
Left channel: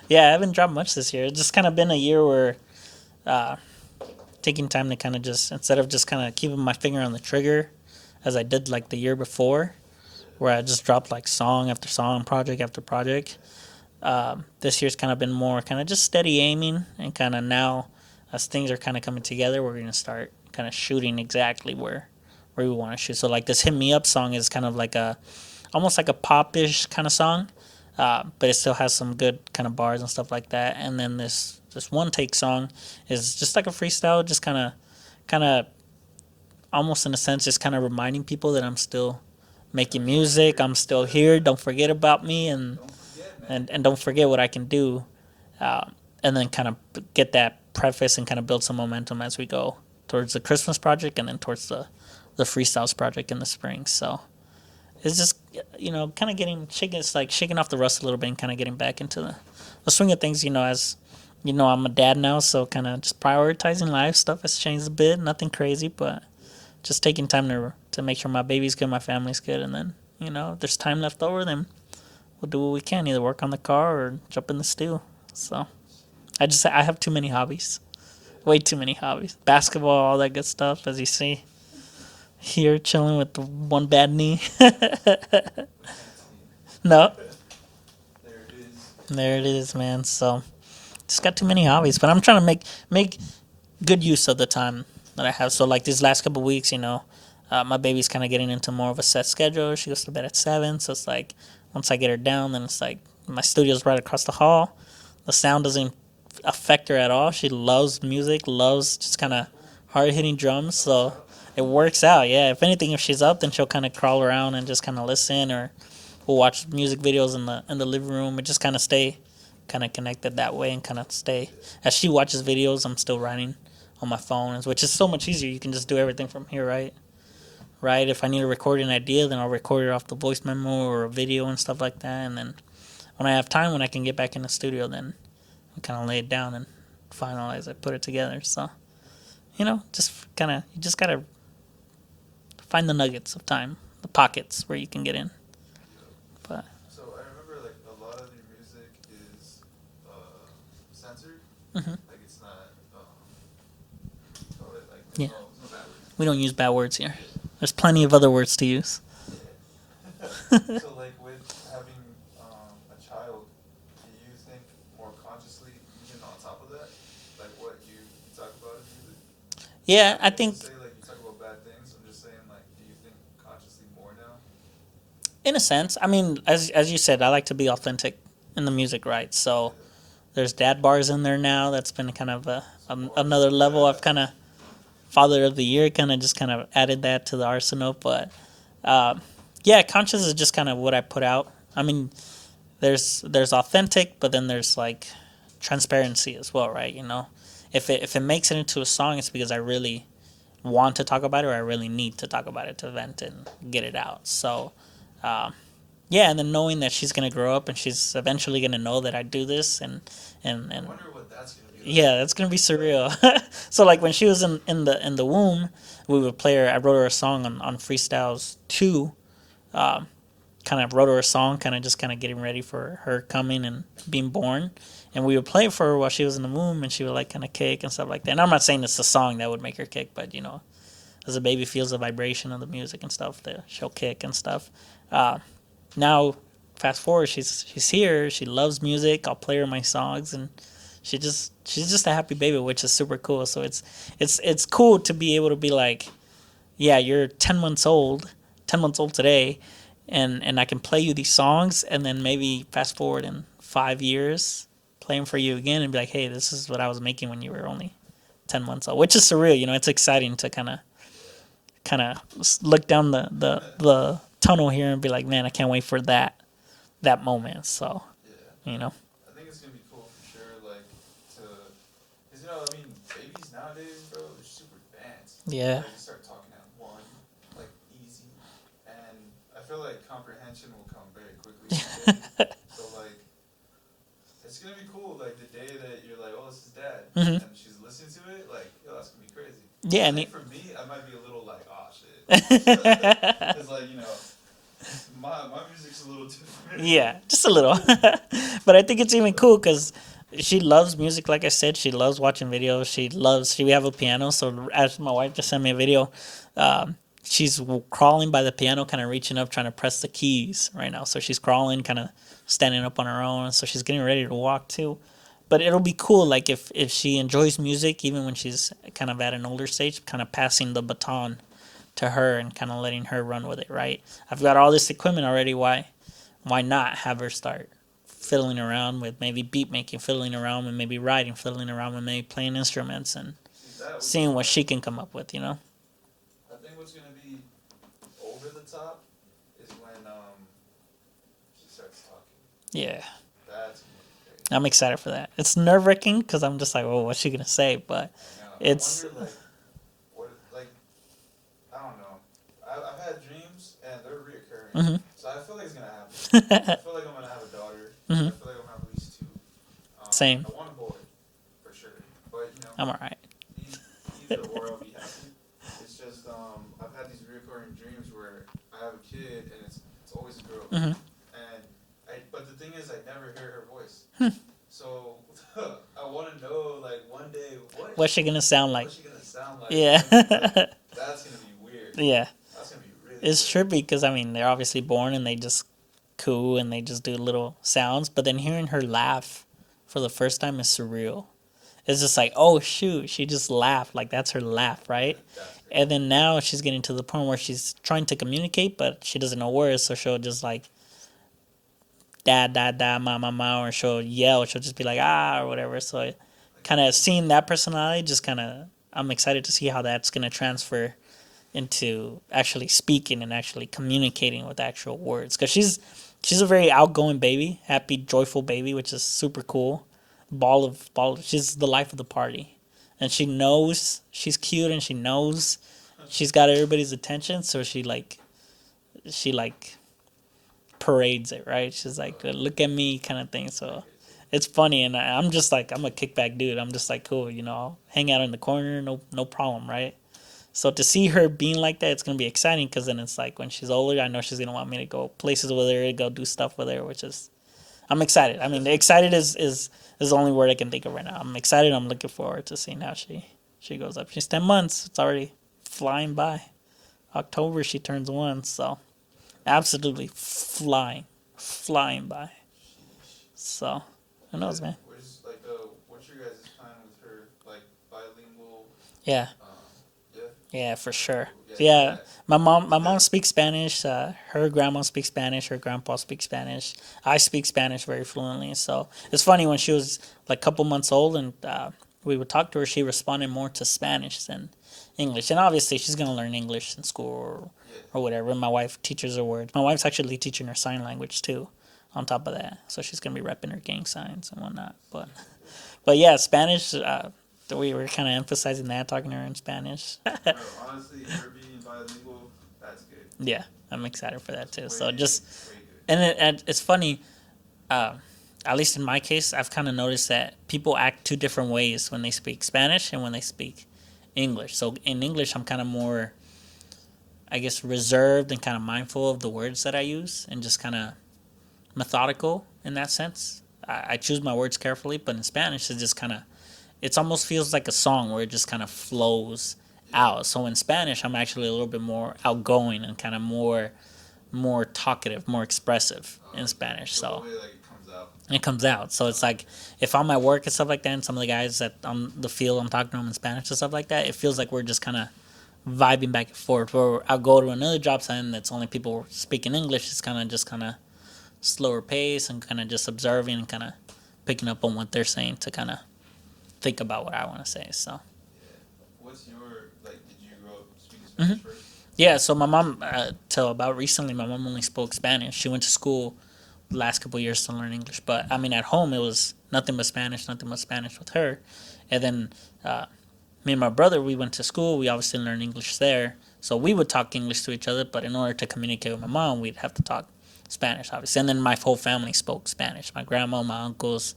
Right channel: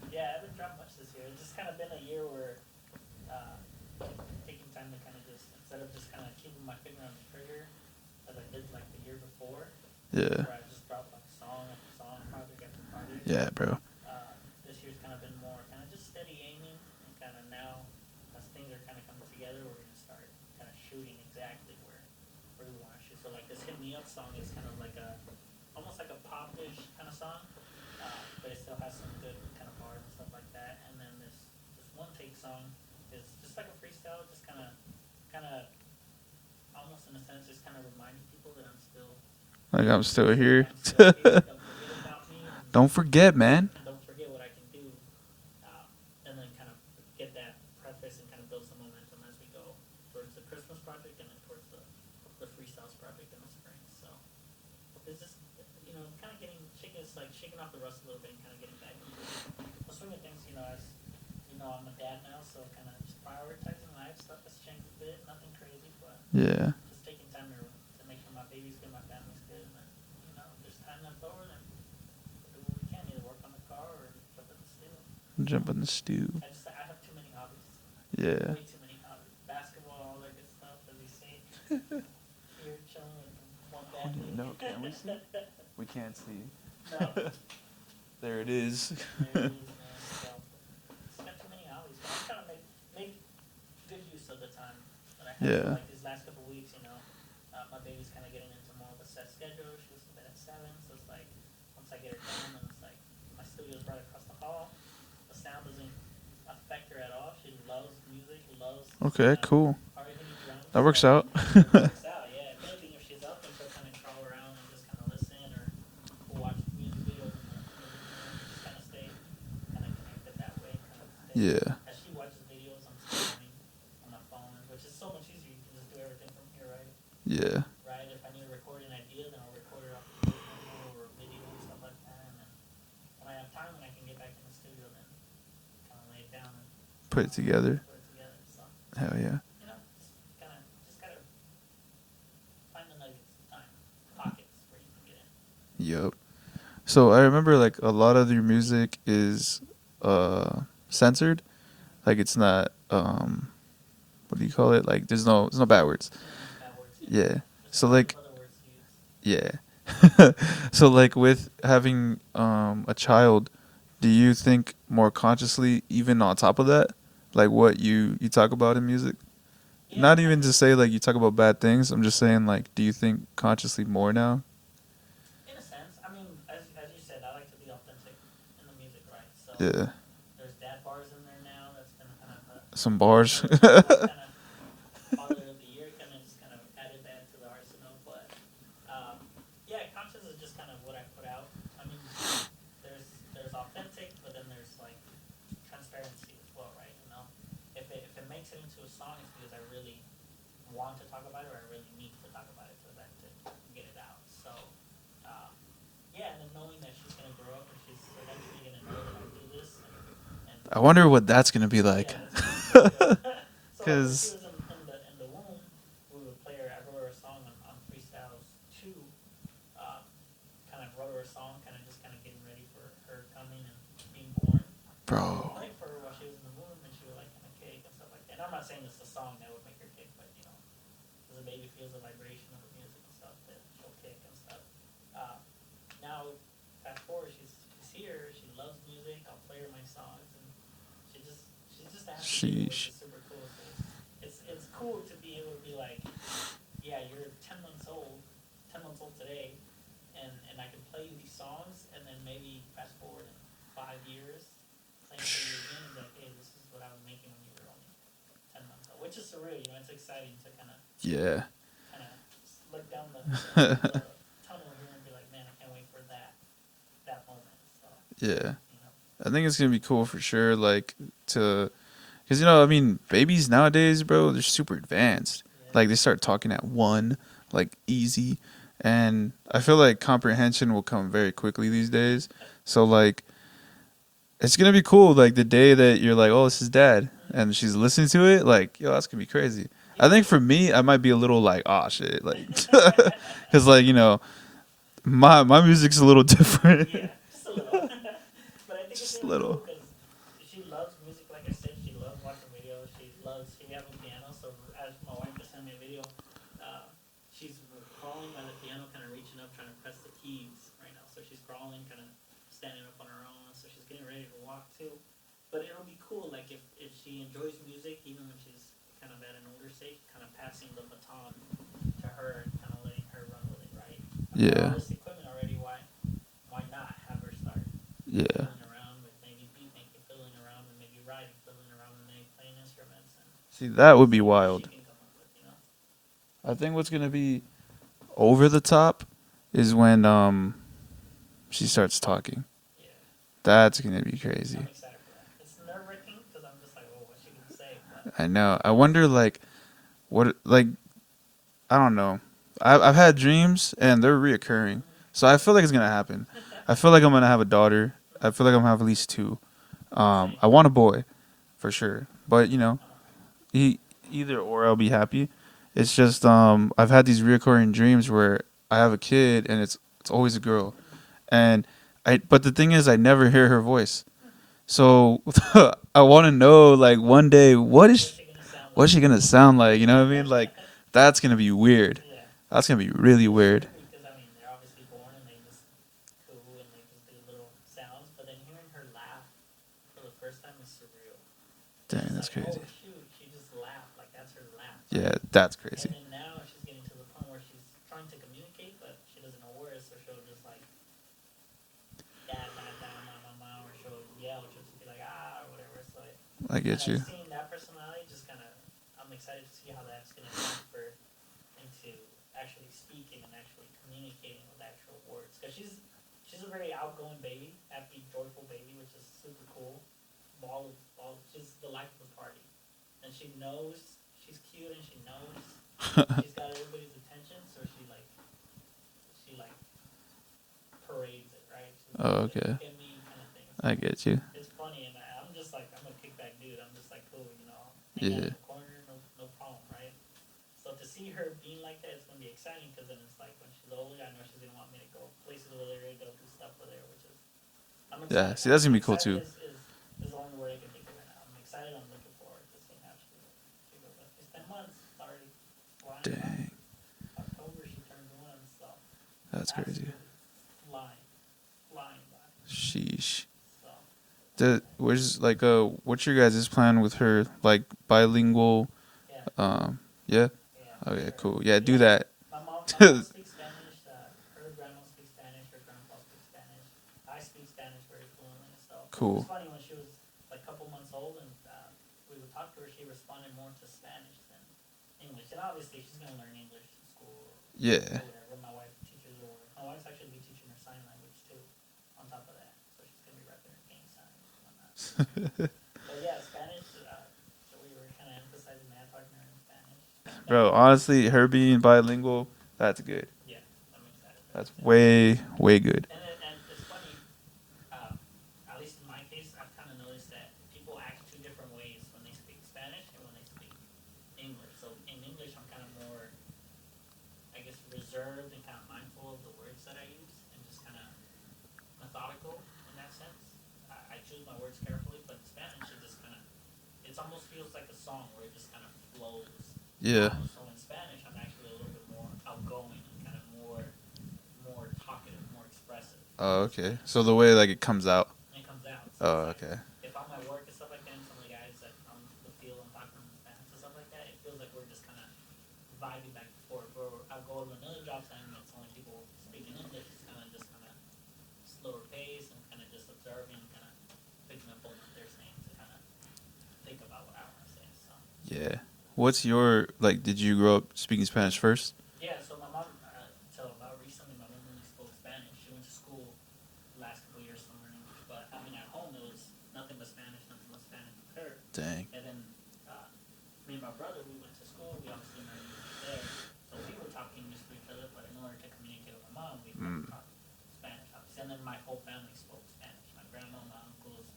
Yeah, I haven't dropped much this year. It's just kind of been a year where taking time to kind of just, instead of just kind of keeping my finger on the trigger as I did like the year before, where I just dropped like song after song, project after project. Yeah, bro. This year's kind of been more kind of just steady aiming, and kind of now as things are kind of coming together, we're going to start kind of shooting exactly where we want to shoot. So like this Hit Me Up song is kind of like almost like a pop-ish kind of song, but it still has some good kind of bars and stuff like that. And then this One Take song is just like a freestyle, just kind of almost in a sense just kind of reminding people that I'm still making music. I'm still here. Don't forget about me, and don't forget, man, and don't forget what I can do. And then kind of get that preface and kind of build some momentum as we go towards the Christmas project and then towards the freestyles project in the spring. So it's just kind of shaking off the rust a little bit and kind of getting back into the swing of things. As I'm a dad now, so kind of just prioritizing life stuff has changed a bit. Nothing crazy, but yeah, just taking time to make sure my baby's good, my family's good, and then if there's time left over, then we'll do what we can, either work on the car or jump in the stew. Jump in the stew. I have too many hobbies. Yeah, way too many hobbies. Basketball, all that good stuff, as you see. Here chilling with the one bad knee. We can't see. No. There it is. There it is, man. So just got too many hobbies, but I'm trying to make good use of the time that I have. So like these last couple of weeks, my baby's kind of getting into more of a set schedule. She goes to bed at 7, so it's like once I get her down, then it's like my studio's right across the hall. The sound doesn't affect her at all. She loves music, loves just kind of hard-hitting drums. That works out. It works out, yeah. If anything, if she's up, then she'll kind of crawl around and just kind of listen, or we'll watch music videos in the living room and just kind of stay kind of connected that way and kind of stay. Yeah. As she watches videos, I'm still writing on my phone, which is so much easier. You can just do everything from here, right? Yeah. Right? If I need to record an idea, then I'll record it off the voice memo or a video and stuff like that. And then when I have time, when I can get back in the studio, then I kind of lay it down and put it together. So, hell yeah. You just got to find the nuggets of time, the pockets where you can get in. Yup. But so I remember like a lot of your music is censored. Mm-hmm. Like it's not what do you call it? Like there's no bad words. We don't use bad words here. Yeah. There's plenty of other words to use. Yeah. So like with having a child, do you think more consciously even on top of that? Like what you talk about in music? Yeah. Not even to say like you talk about bad things. I'm just saying like do you think consciously more now? In a sense. I mean, as you said, I like to be authentic in the music, right? So there's dad bars in there now. That's been kind of another level. I've kind of Father of the Year kind of added that to the arsenal. But conscious is just kind of what I put out. I mean, there's authentic, but then there's like transparency as well, right? If it makes it into a song, it's because I really want to talk about it, or I really need to talk about it to vent and get it out. So and then knowing that she's gonna grow up and she's eventually gonna know that I do this, and I wonder what that's gonna be like. Yeah, that's gonna be surreal. So like when she was in the womb, we would play her. I wrote her a song on Freestyles 2. Kind of wrote her a song, kind of getting ready for her coming and being born. Bro. And we would play it for her while she was in the womb, and she would like kind of kick and stuff like that. And I'm not saying it's a song that would make her kick, but as a baby feels the vibration of the music and stuff, that she'll kick and stuff. Now, fast forward, she's here. She loves music. I'll play her my songs, and she's just a happy baby, which is super cool. So it's cool to be able to be like, yeah, you're 10 months old today, and I can play you these songs, and then maybe fast forward in 5 years, play them for you again, and be like, hey, this is what I was making when you were only 10 months old, which is surreal. It's exciting to kind of look down the tunnel here and be like, man, I can't wait for that moment. So I think it's gonna be cool for sure. Like because I mean, babies nowadays, bro, they're super advanced. Yeah. Like they start talking at 1, like easy, and I feel like comprehension will come very quickly these days. So like, it's gonna be cool. Like the day that you're like, oh, this is dad, Mhm. and she's listening to it, like, yo, that's gonna be crazy. Yeah, I think for me, I might be a little like, oh shit, like, because like my music's a little different. yeah, just a little. But I think it's Just a even little. cool because she loves music. Like I said, she loves watching videos. We have a piano. So as my wife just sent me a video, she's crawling by the piano, kind of reaching up, trying to press the keys right now. So she's crawling, kind of standing up on her own. So she's getting ready to walk too. But it'll be cool, like if she enjoys music, even when she's kind of at an older stage, kind of passing the baton to her and kind of letting her run with it. Right? I've got Yeah. all this equipment already. Why not have her start Yeah. fiddling around with maybe beat making, fiddling around with maybe writing, fiddling around with maybe playing instruments, and See, that would be seeing what wild. she can come up with. You know? I think what's gonna be over the top is when she starts talking. Yeah. That's gonna be crazy. I'm excited for that. It's nerve wracking because I'm just like, oh, what's she gonna say? But I know. I it's- wonder like what like I don't know. I've had dreams and they're reoccurring, Mm-hmm. so I feel like it's gonna happen. I feel like I'm gonna have a daughter. Mhm. I feel like I'm gonna have at least two. Same. I want a boy, for sure. But I'm all right. either or, I'll be happy. It's just I've had these reoccurring dreams where I have a kid and it's always a girl, Mhm. and but the thing is I never hear her voice. So I want to know like one day What's she gonna sound like? what's she gonna sound like? You know what I mean? Like that's gonna be weird. Yeah, That's gonna be really it's weird. trippy because I mean they're obviously born and they just coo and they just do little sounds, but then hearing her laugh for the first time is surreal. It's just like, oh shoot, she just laughed. Like that's her laugh, right? Yeah, that's crazy. And then now she's getting to the point where she's trying to communicate, but she doesn't know words, so she'll just like dad, dad, dad, ma, ma, ma, or she'll yell. She'll just be like or whatever. So I get kind you. of seeing that personality, just kind of, I'm excited to see how that's gonna transfer into actually speaking and actually communicating with actual words. Because she's a very outgoing baby, happy, joyful baby, which is super cool. Ball of, she's the life of the party, and she knows she's cute and she knows she's got everybody's attention. So she like parades it, right? She's like, Okay. look at me, kind of thing. So I get you. it's funny, and I'm just like, I'm a kickback dude. I'm just like, cool, I'll hang out Yeah. in the corner, no problem, right? So to see her being like that, it's gonna be exciting because then it's like when she's older, I know she's gonna want me to go places with her, go do stuff with her, which is, I'm excited. see, I that's mean, gonna be cool, excited too. is the only word I can think of right now. I'm excited. I'm looking forward to seeing how she goes up. She's 10 months. It's already flying by. October she turns 1, so That's absolutely flying by. crazy. Sheesh. So who knows, Does, man? what's like what's your guys' plan with her? Like bilingual? Yeah. Yeah. Yeah, for Okay, sure. cool. Yeah, do that. My mom speaks Spanish. Her grandma speaks Spanish. Her grandpa speaks Spanish. I speak Spanish very fluently. So Cool. it's funny when she was like a couple months old and we would talk to her. She responded more to Spanish than English. And obviously she's gonna learn English in school Yeah. or whatever. My wife teaches her words. My wife's actually teaching her sign language too. On top of that, so she's gonna be repping her gang signs and whatnot. But yeah, Spanish. We were kind of emphasizing that, talking to her in Spanish. Bro, honestly, her being bilingual, that's good. Yeah, I'm excited for that too. Way good. And it's funny, at least in my case, I've kind of noticed that people act two different ways when they speak Spanish and when they speak English. So in English, I'm kind of more, I guess, reserved and kind of mindful of the words that I use and just kind of methodical in that sense. I choose my words carefully, but in Spanish, it's just kind of, it almost feels like a song where it just kind of flows out. So in Spanish, I'm actually a little bit more outgoing and kind of more talkative, more expressive in Spanish. So the way like it comes out. It comes out. So it's like if I'm at work and stuff like that, and some of the guys that on the field, I'm talking to them in Spanish and stuff like that, it feels like we're just kind of vibing back and forth. Where I'll go to another job site and it's only people speaking English. It's kind of slower pace and kind of just observing and kind of picking up on what they're saying to kind of think about what I want to say. So Yeah. What's your like? Did you grow up speaking Spanish first? yeah, so my mom till about recently, my mom only spoke Spanish. She went to school the last couple of years to learn English, but I mean at home it was nothing but Spanish with her. Dang. And then me and my brother, we went to school. We obviously learned English there, so we would talk English to each other. But in order to communicate with my mom, we'd have to talk Spanish, obviously. And then my whole family spoke Spanish. My grandma, my uncles,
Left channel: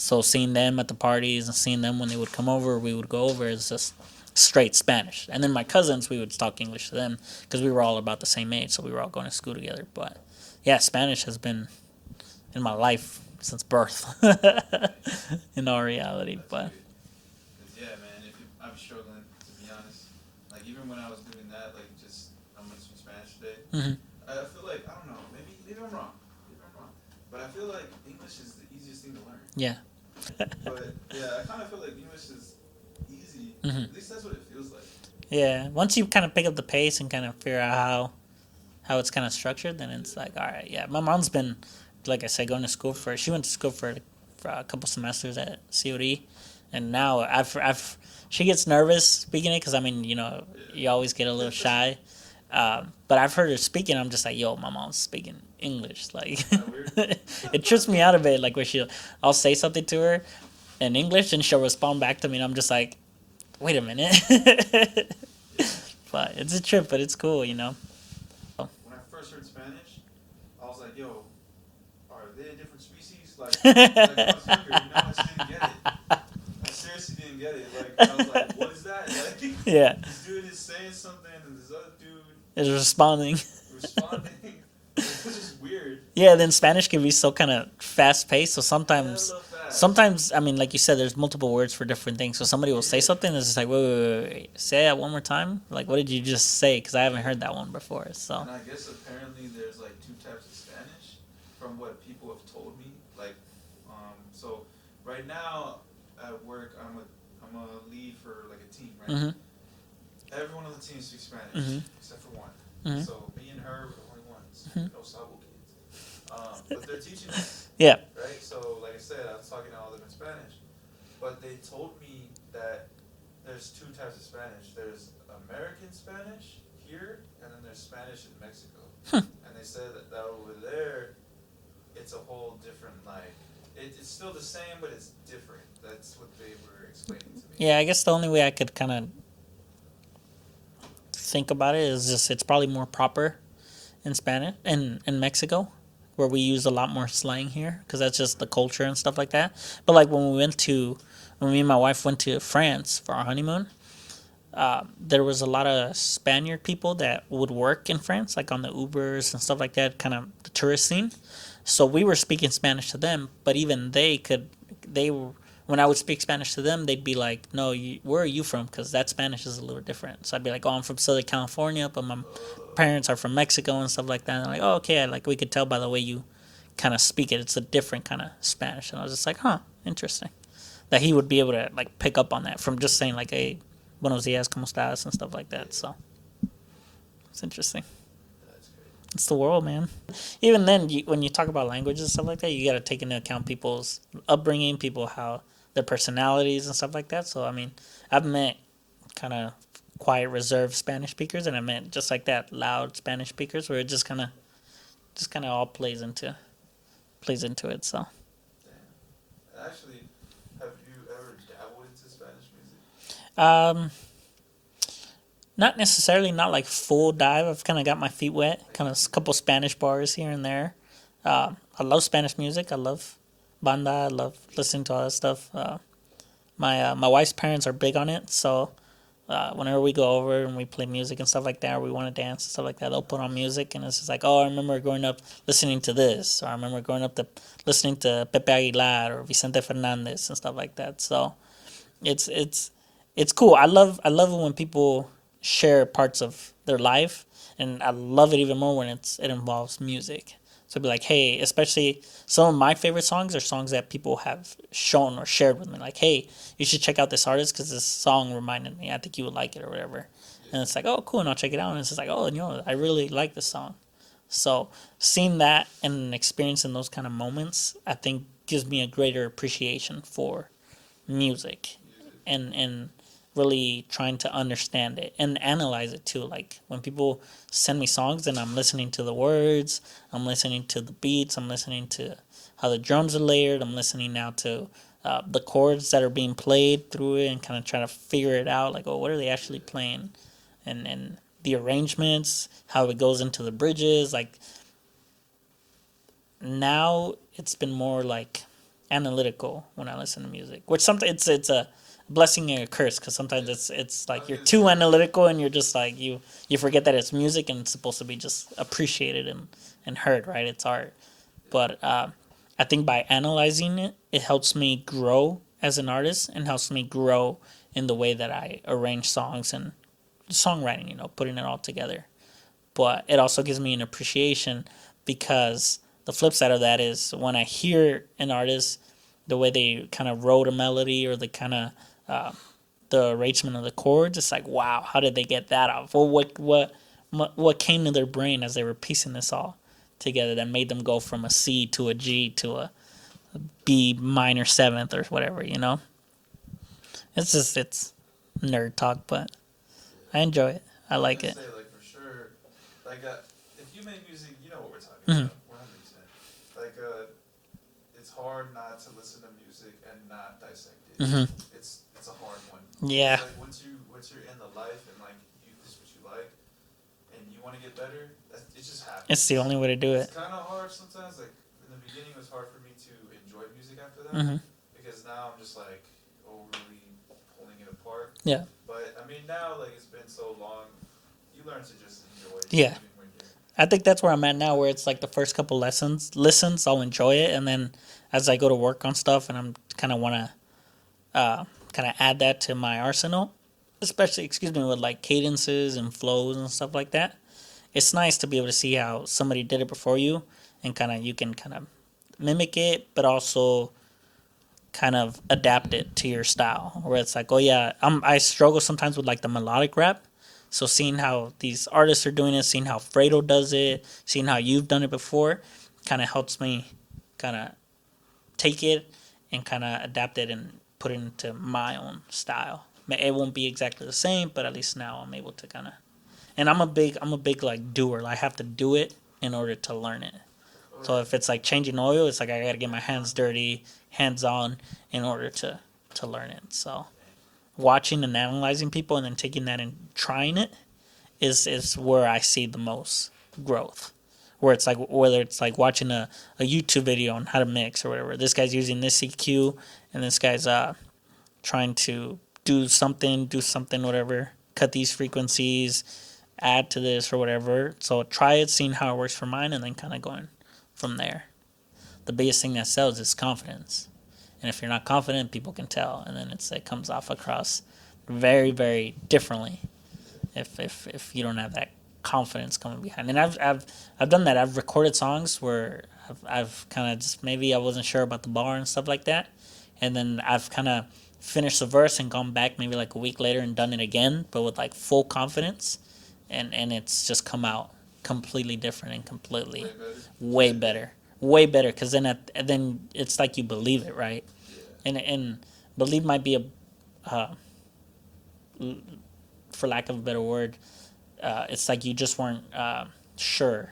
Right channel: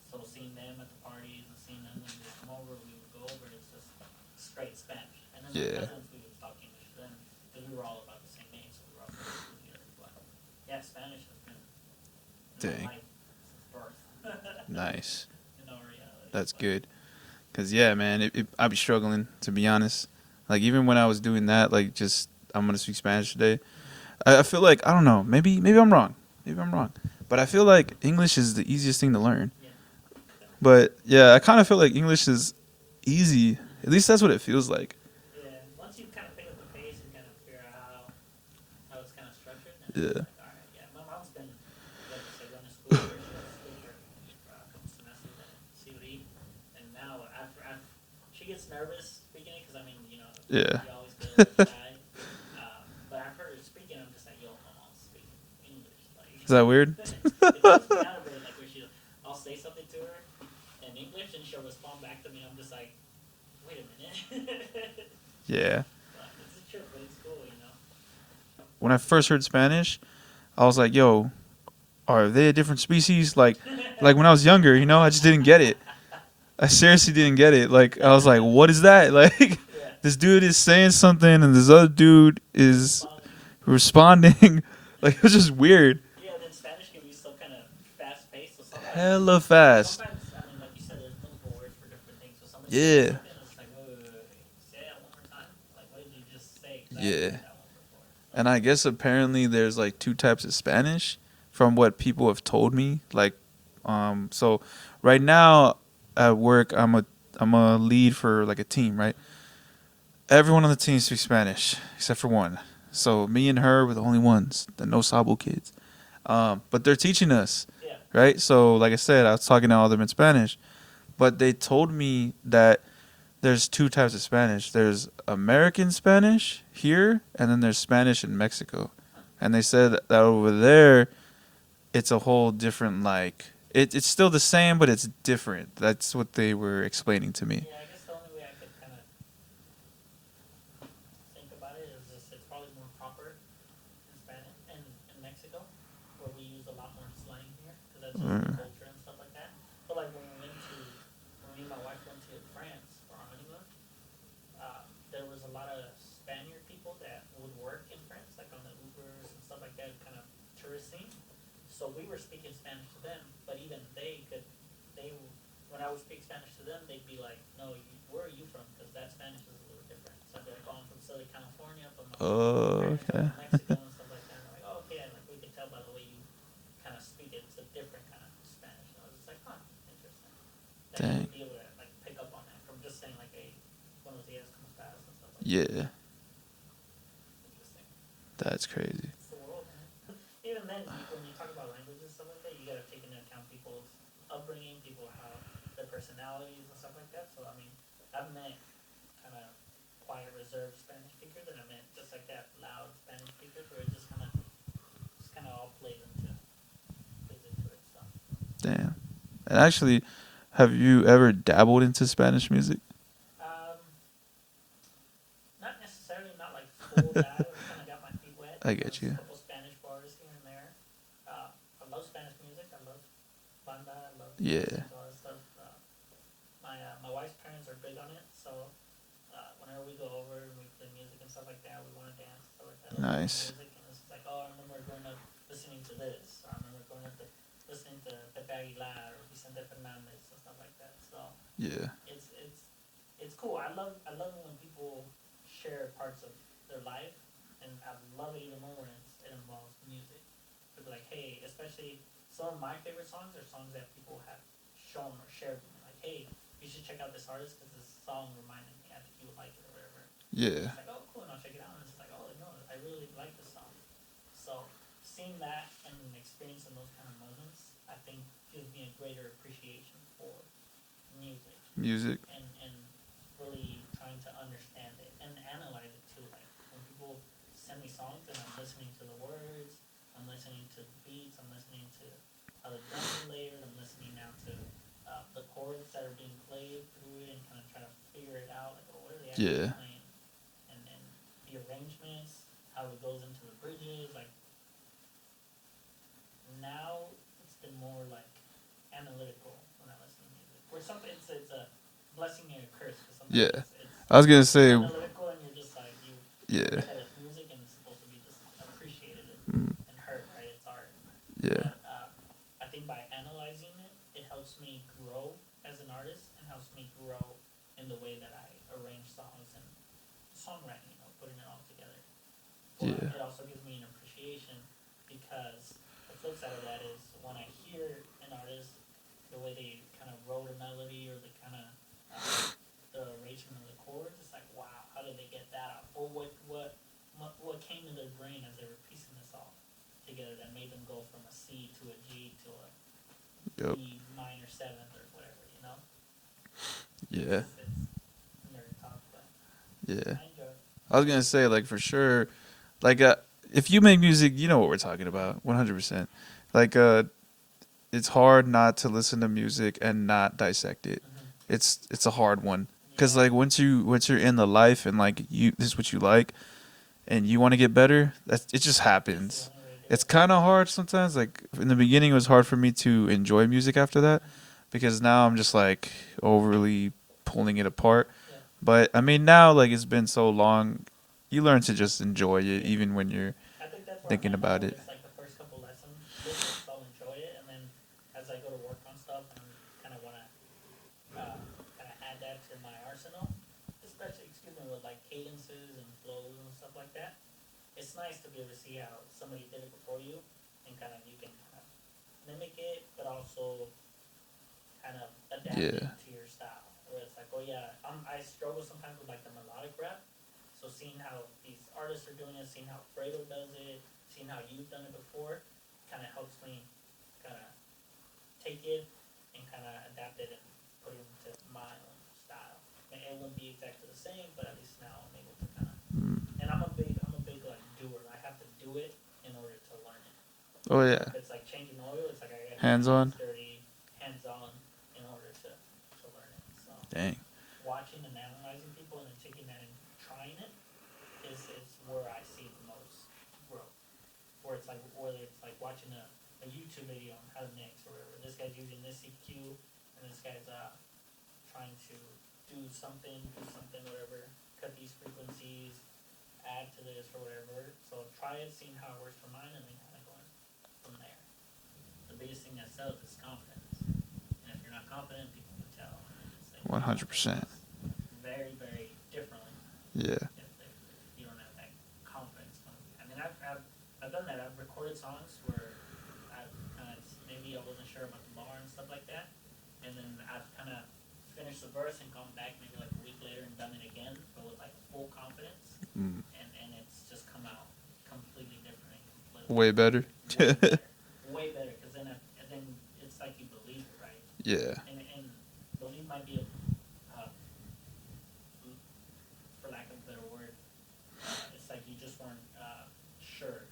So seeing them at the parties and seeing them when they would come over, we would go over. It's just straight Spanish. And then my cousins, we would talk English to them because we were all about the same age, so we were all going to school together. But yeah, Spanish has been in my life since birth. Nice. In all reality. That's good. Because, yeah, man, I'd be struggling, to be honest. Like, even when I was doing that, like, just, I'm going to speak Spanish today, I feel like, I don't know, maybe I'm wrong. Maybe I'm wrong. But I feel like English is the easiest thing to learn. Yeah. But, yeah, I kind of feel like English is easy. At least that's what it feels like. Yeah. Once you kind of pick up the pace and kind of figure out how it's kind of structured, then it's like, all right, yeah. My mom's been, like I said, going to school she went to school for a couple semesters at COD. And now she gets nervous speaking it because, I mean, you know, you always get a little shy. But I've heard her speaking. I'm just like, yo, my mom's speaking English. Like, Is that weird? It trips me out a bit. Like, where I'll say something to her in English and she'll respond back to me. And I'm just like, wait a minute. Yeah. But it's a trip, but it's cool, you know. When I first heard Spanish, I was like, yo, are they a different species? Like when I was younger, you know, I just didn't get it. I seriously didn't get it. Like, I was like, what is that? Like, this dude is saying something and this other dude is responding. Like, it was just weird. Yeah, then Spanish can be so kind of fast-paced, so sometimes... Hella fast. Sometimes, I mean, like you said, there's multiple words for different things. So somebody will say something and it's just like, wait. Say that one more time? Like, what did you just say? Because I haven't heard that one before. So. And I guess apparently there's, like, 2 types of Spanish from what people have told me. Like, so right now... At work, I'm a lead for like a team, right? Everyone on the team speaks Spanish except for one. So me and her were the only ones, the no sabo kids. But they're teaching us, right? So like I said, I was talking to all of them in Spanish, but they told me that there's 2 types of Spanish. There's American Spanish here, and then there's Spanish in Mexico. And they said that over there, it's a whole different like. It's still the same, but it's different. That's what they were explaining to me. Yeah, I guess the only way I could kind of think about it is just it's probably more proper in Spanish in Mexico, where we use a lot more slang here because that's just the culture and stuff like that. But like when me and my wife went to France for our honeymoon, there was a lot of Spaniard people that would work in France, like on the Ubers and stuff like that, kind of the tourist scene. So we were speaking Spanish to them, but even when I would speak Spanish to them, they'd be like, no, where are you from? Because that Spanish is a little different. So I'd be like, oh, I'm from Southern California, but my parents are from Mexico and stuff like that. And they're like, oh, okay. Like, we could tell by the way you kind of speak it. It's a different kind of Spanish. And I was just like, huh, interesting. That he would be able to, like, pick up on that from just saying, like, hey, buenos dias, ¿cómo estás? And stuff like that. So it's interesting. That's crazy. It's the world, man. Even then, when you talk about languages and stuff like that, you got to take into account people's upbringing, how their personalities and stuff like that. So, I mean, I've met kind of quiet, reserved Spanish speakers, and I met just like that, loud Spanish speakers, where it just kind of all plays into it. So. Damn. And actually, have you ever dabbled into Spanish music? Not necessarily, not like full dive. I've kind of got my feet wet. Kind of a couple Spanish bars here and there. I love Spanish music. I love banda. I love listening to all that stuff. My wife's parents are big on it, so whenever we go over and we play music and stuff like that, or we want to dance and stuff like that, they'll put on music, and it's just like, oh, I remember growing up listening to this, or I remember growing up listening to Pepe Aguilar or Vicente Fernandez and stuff like that. So it's cool. I love it when people share parts of their life, and I love it even more when it involves music. So it'd be like, hey, especially some of my favorite songs are songs that people have shown or shared with me. Like, hey, you should check out this artist because this song reminded me. I think you would like it or whatever. Yeah. And it's like, oh, cool, and I'll check it out. And it's just like, oh, you know, I really like this song. So seeing that and experiencing those kind of moments, I think gives me a greater appreciation for music. And really trying to understand it and analyze it too. Like when people send me songs and I'm listening to the words, I'm listening to the beats, I'm listening to how the drums are layered, I'm listening now to the chords that are being played through it and kind of trying to figure it out. Like, oh, what are they actually playing? And the arrangements, how it goes into the bridges. Like now it's been more like analytical when I listen to music, which sometimes it's a blessing and a curse because sometimes Yeah. it's I was like gonna you're too say- analytical and you're just like you Yeah. forget that it's music and it's supposed to be just appreciated and heard, right? It's art. Yeah. But I think by analyzing it, it helps me grow as an artist and helps me grow in the way that I arrange songs and songwriting, putting it all together. But Yeah. it also gives me an appreciation because the flip side of that is when I hear an artist, the way they kind of wrote a melody or the kind of the arrangement of the chords, it's like, wow, how did they get that off? Well, what came to their brain as they were piecing this all together that made them go from a C to a G to a B minor seventh or whatever, It's just it's nerd talk, but Yeah. I enjoy it. I was like gonna it. say, like, for sure, like, if you make music, you know what we're talking Mm-hmm. about, 100%. Like, it's hard not to listen to music and not dissect it. Mm-hmm. It's a hard one because Yeah. like once you're in the life and like this is what you like, and you want to get better, it just happens. It's the only way to do It's it. kind of hard sometimes. Like in the beginning, it was hard for me to enjoy music after that Mm-hmm. because now I'm just like overly pulling it apart. Yeah. But I mean, now like it's been so long, you learn to just enjoy it Yeah. even when you're. I think that's where I'm thinking at now, about where it. it's like the first couple listens, I'll enjoy it, and then as I go to work on stuff, and I'm kind of want to kind of add that to my arsenal, especially with like cadences and flows and stuff like that. It's nice to be able to see how somebody did it before you, and you can kind of mimic it, but also kind of adapt Yeah. it to your style. Where it's like, oh yeah, I struggle sometimes with like the melodic rap. So seeing how these artists are doing it, seeing how Fredo does it, seeing how you've done it before, kind of helps me kind of take it and kind of adapt it and put it into my own style. It won't be exactly the same, but at least now I'm able to kind of. And I'm a big like doer. Like, I have to do it in order to learn it. Oh So yeah. if it's like changing oil, it's like I gotta get my Hands-on? hands dirty, hands on, in order to learn it. So Dang. watching and analyzing people and then taking that and trying it is where I see the most growth. Where it's like, whether it's like watching a YouTube video on how to mix or whatever. This guy's using this EQ and this guy's trying to do something, whatever, cut these frequencies, add to this or whatever. So try it, seeing how it works for mine, and then kind of going from there. The biggest thing that sells is confidence. And if you're not confident, people can tell, and then it comes off 100%. across very, very differently. Yeah. If you don't have that confidence coming behind. And I've done that. I've recorded songs where I've kind of just, maybe I wasn't sure about the bar and stuff like that, and then I've kind of finished the verse and gone back maybe like a week later and done it again, but with like full confidence, and it's just come out completely different and completely Way better. way better. Way better, because then it's like you believe it, right? Yeah. And believe might be for lack of a better word, it's like you just weren't sure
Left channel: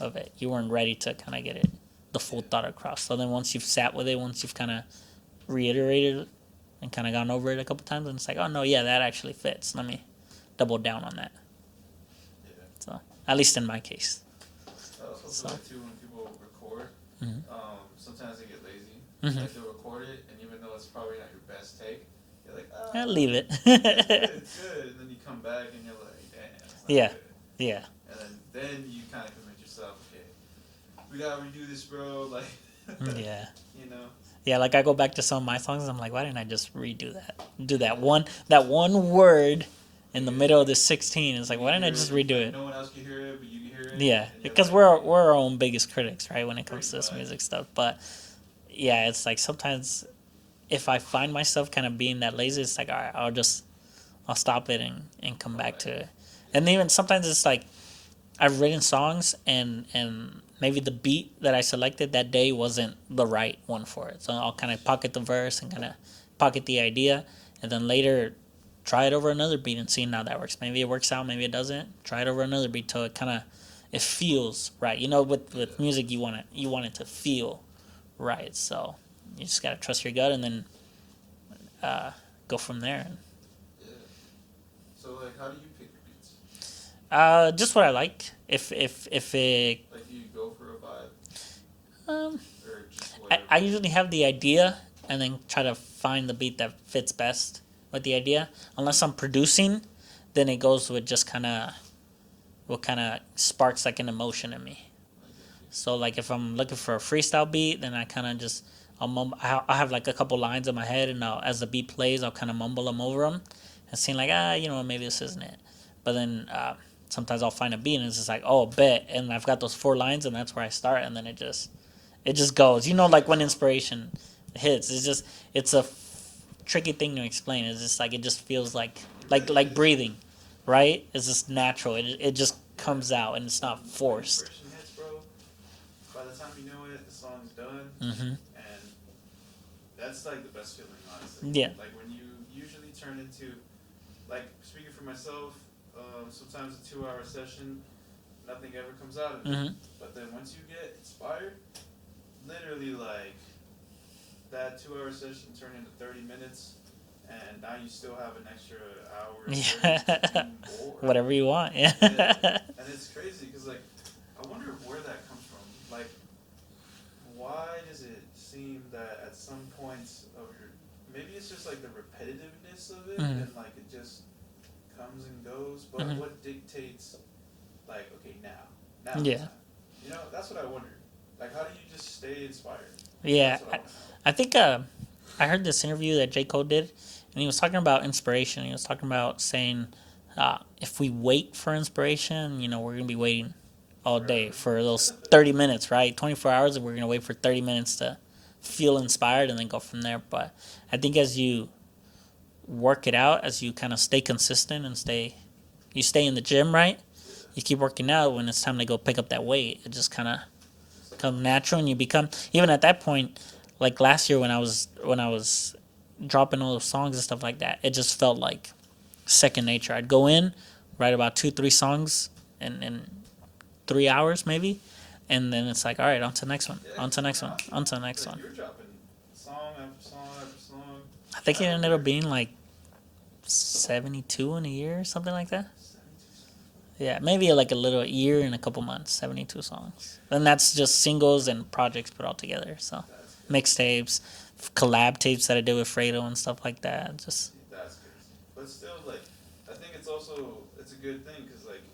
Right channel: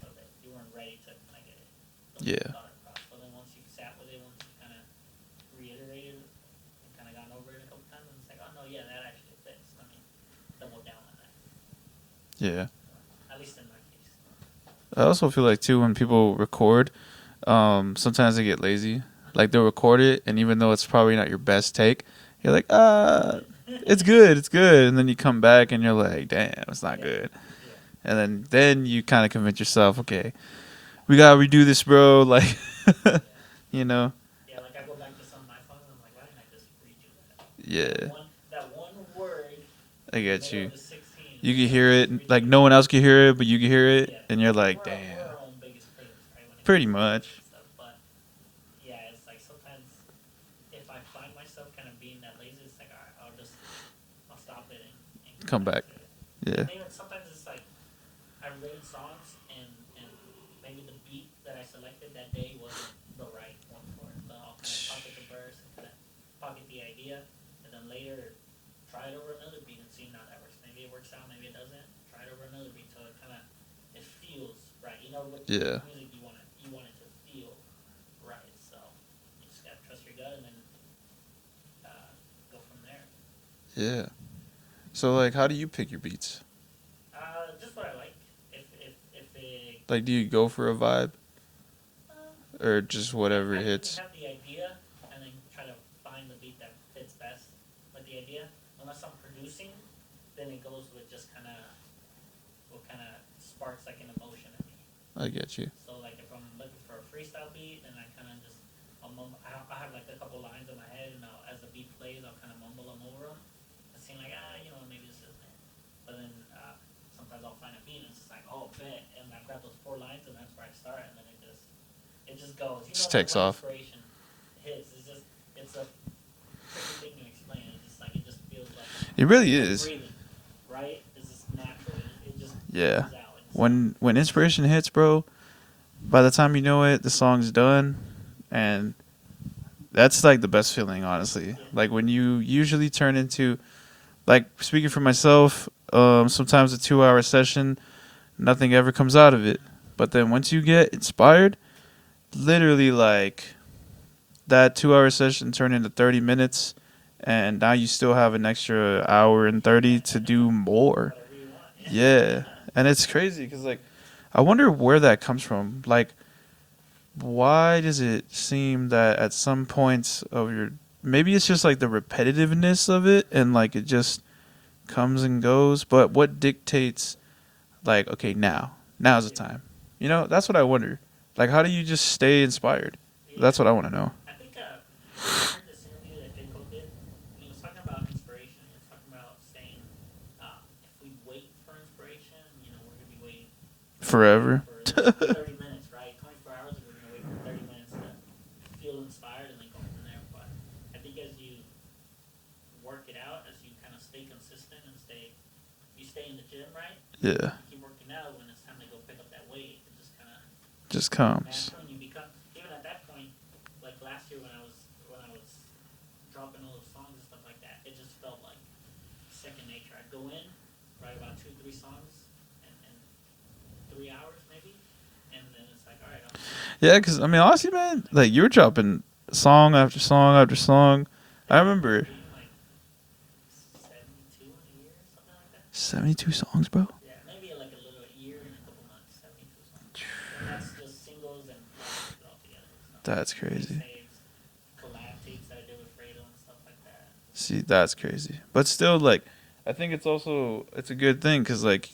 of it. You weren't ready to kind of get it, the full Yeah. thought across. So then once you've sat with it, once you've kind of reiterated it and kind of gone over it a couple times, and it's like, oh no, yeah, that actually fits. Let me double down on that. Yeah. So at least in my case. I also feel like too when people record, sometimes they get lazy. Like they'll record it, and even though it's probably not your best take, you're like, Leave it. it's good, and then you come back and you're like, damn, it's not Yeah. good. Yeah. And then you kind of convince yourself, okay, we gotta redo this, bro. Like, Yeah. you know, Yeah, like I go back to some of my songs and I'm like, why didn't I just redo that? Do Yeah. that one word I in the get middle you. of the 16. It's you like, can why hear didn't I it, just redo like it? no one else can hear it, but you can hear it, Yeah, and you're because like, we're damn. our own biggest critics, right? When it Pretty comes to this much. music stuff, but yeah, it's like sometimes if I find myself kind of being that lazy, it's like, all right, I'll stop it and come back to it. Yeah. And even sometimes it's like I've written songs and maybe the beat that I selected that day wasn't the right one for it. So I'll kind of pocket the verse and kind of pocket the idea, and then later try it over another beat and see how that works. Maybe it works out, maybe it doesn't. Try it over another beat till it feels right. With music, you want it to feel right. So you just gotta trust your gut and then go from there. Yeah. So like, how do you pick your beats? Just what I like. If it Like, do you go for a vibe? or just whatever I usually hits? have the idea and then try to find the beat that fits best with the idea. Unless I'm producing, then it goes with just kind of what kind of sparks like an emotion in me. I get you. So like if I'm looking for a freestyle beat, then I kind of just I have like a couple lines in my head, and as the beat plays, I'll kind of mumble them over them, and seem like you know, maybe this isn't it. But then sometimes I'll find a beat, and it's just like, oh, bet, and I've got those 4 lines, and that's where I start, and then it just goes. You know, Just like takes when off. inspiration hits, it's a tricky thing to explain. It's just like it just feels like It really like is. breathing, right? It's just natural. It just Yeah. comes out, and it's When not when forced. inspiration hits, bro, by the time you know it, the song's done, Mm-hmm. and that's like the best feeling, honestly. Yeah. Like when you usually turn into, like speaking for myself, sometimes a 2-hour session, nothing ever comes out of it. Mm-hmm. But then once you get inspired, literally like that 2-hour session turned into 30 minutes, and now you still have an extra hour and 30 to do more. Whatever you want. Yeah. Yeah, and it's crazy because like I wonder where that comes from. Like, why does it seem that at some points of your, maybe it's just like the repetitiveness of it, Mhm. and like it just comes and goes. But Mhm. what dictates, like, okay, now's Yeah. the time. You know, that's what I wonder. Like, how do you just stay inspired? Yeah. That's what I want to know. I think I heard this interview that J. Cole did, and he was talking about inspiration. He was talking about saying, if we wait for inspiration, you know, we're gonna be waiting all Forever. day for those 30 minutes, right? 24 hours, and we're gonna wait for 30 minutes to feel inspired and then go from there. But I think as you work it out, as you kind of stay consistent and you stay in the gym, right? Yeah, You keep working out. When it's time to go pick up that weight, it just kind of just come comes. natural, and you become, even at that point, like last year when I was dropping all those songs and stuff like that, it just felt like second nature. I'd go in, write about 2-3 songs in 3 hours maybe, and then it's like, all right, on to the next one. Yeah, on to because the I next mean, one, honestly, on to the man, next like one. you were dropping song after song after song. I think I it ended remember- up being like 72 in a year or something like that. 72 songs, bro. Yeah, maybe like a little year and a couple months, 72 songs. And that's just singles and projects put all together. So That's crazy. mixtapes, collab tapes that I did with Fredo and stuff like that. Just See, that's crazy. But still, like, I think it's a good thing because, like,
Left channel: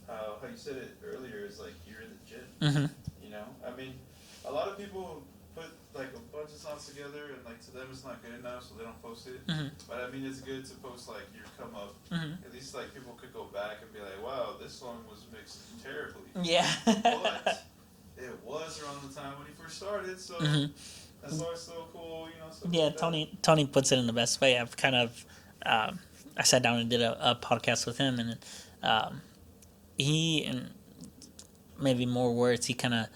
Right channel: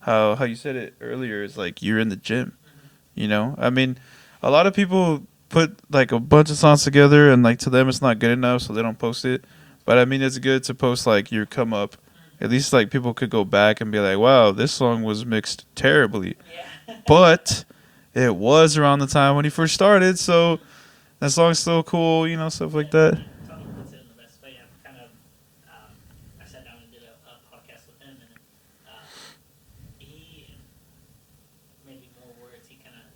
how you said it earlier is like you're in the gym. Mhm. You know, I mean, a lot of people put like a bunch of songs together and like to them it's not good enough, so they don't post it. Mhm. But I mean, it's good to post like your come up. Mhm. At least like people could go back and be like, wow, this song was mixed terribly, yeah. but it was around the time when he first started, so Mhm. that song's still cool. You know, stuff Yeah, like that. Tony puts it in the best way. I've kind of, I sat down and did a podcast with him, and he, and maybe more words, he kind of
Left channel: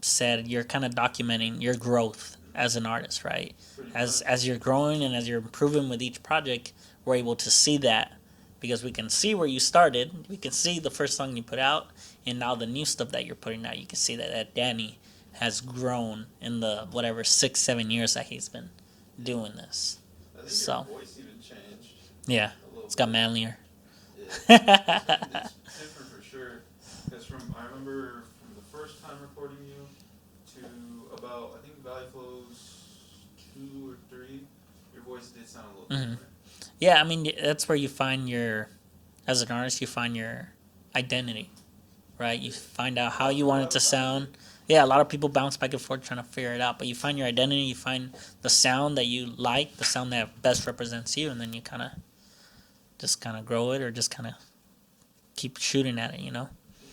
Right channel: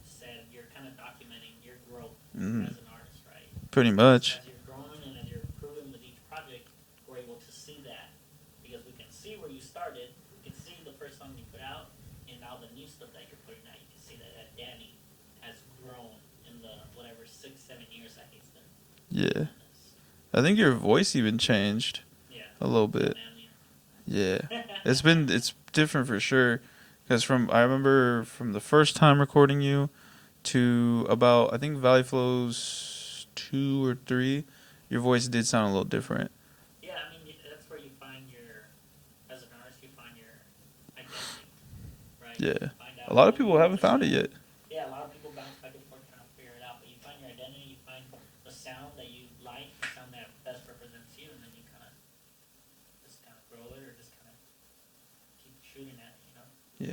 said, you're kind of documenting your growth as an artist, right? Pretty much. As you're growing and as you're improving with each project, we're able to see that because we can see where you started. We can see the first song you put out, and now the new stuff that you're putting out. You can see that Danny has grown in the whatever 6-7 years that he's been doing this. I think your So- voice even changed Yeah, a little it's bit. got manlier. Yeah, it's different for sure. Because I remember from the first time recording you to about I think Valley Flows 2 or 3, your voice did sound a little different. Yeah, I mean that's where you find as an artist, you find your identity, right? You Yeah. find out A lot how of you people want it haven't to found it sound. yet. Yeah, a lot of people bounce back and forth trying to figure it out, but you find your identity, you find the sound that you like, the sound that best represents you, and then you kind of grow it or just kind of keep shooting at it, you know? Yeah.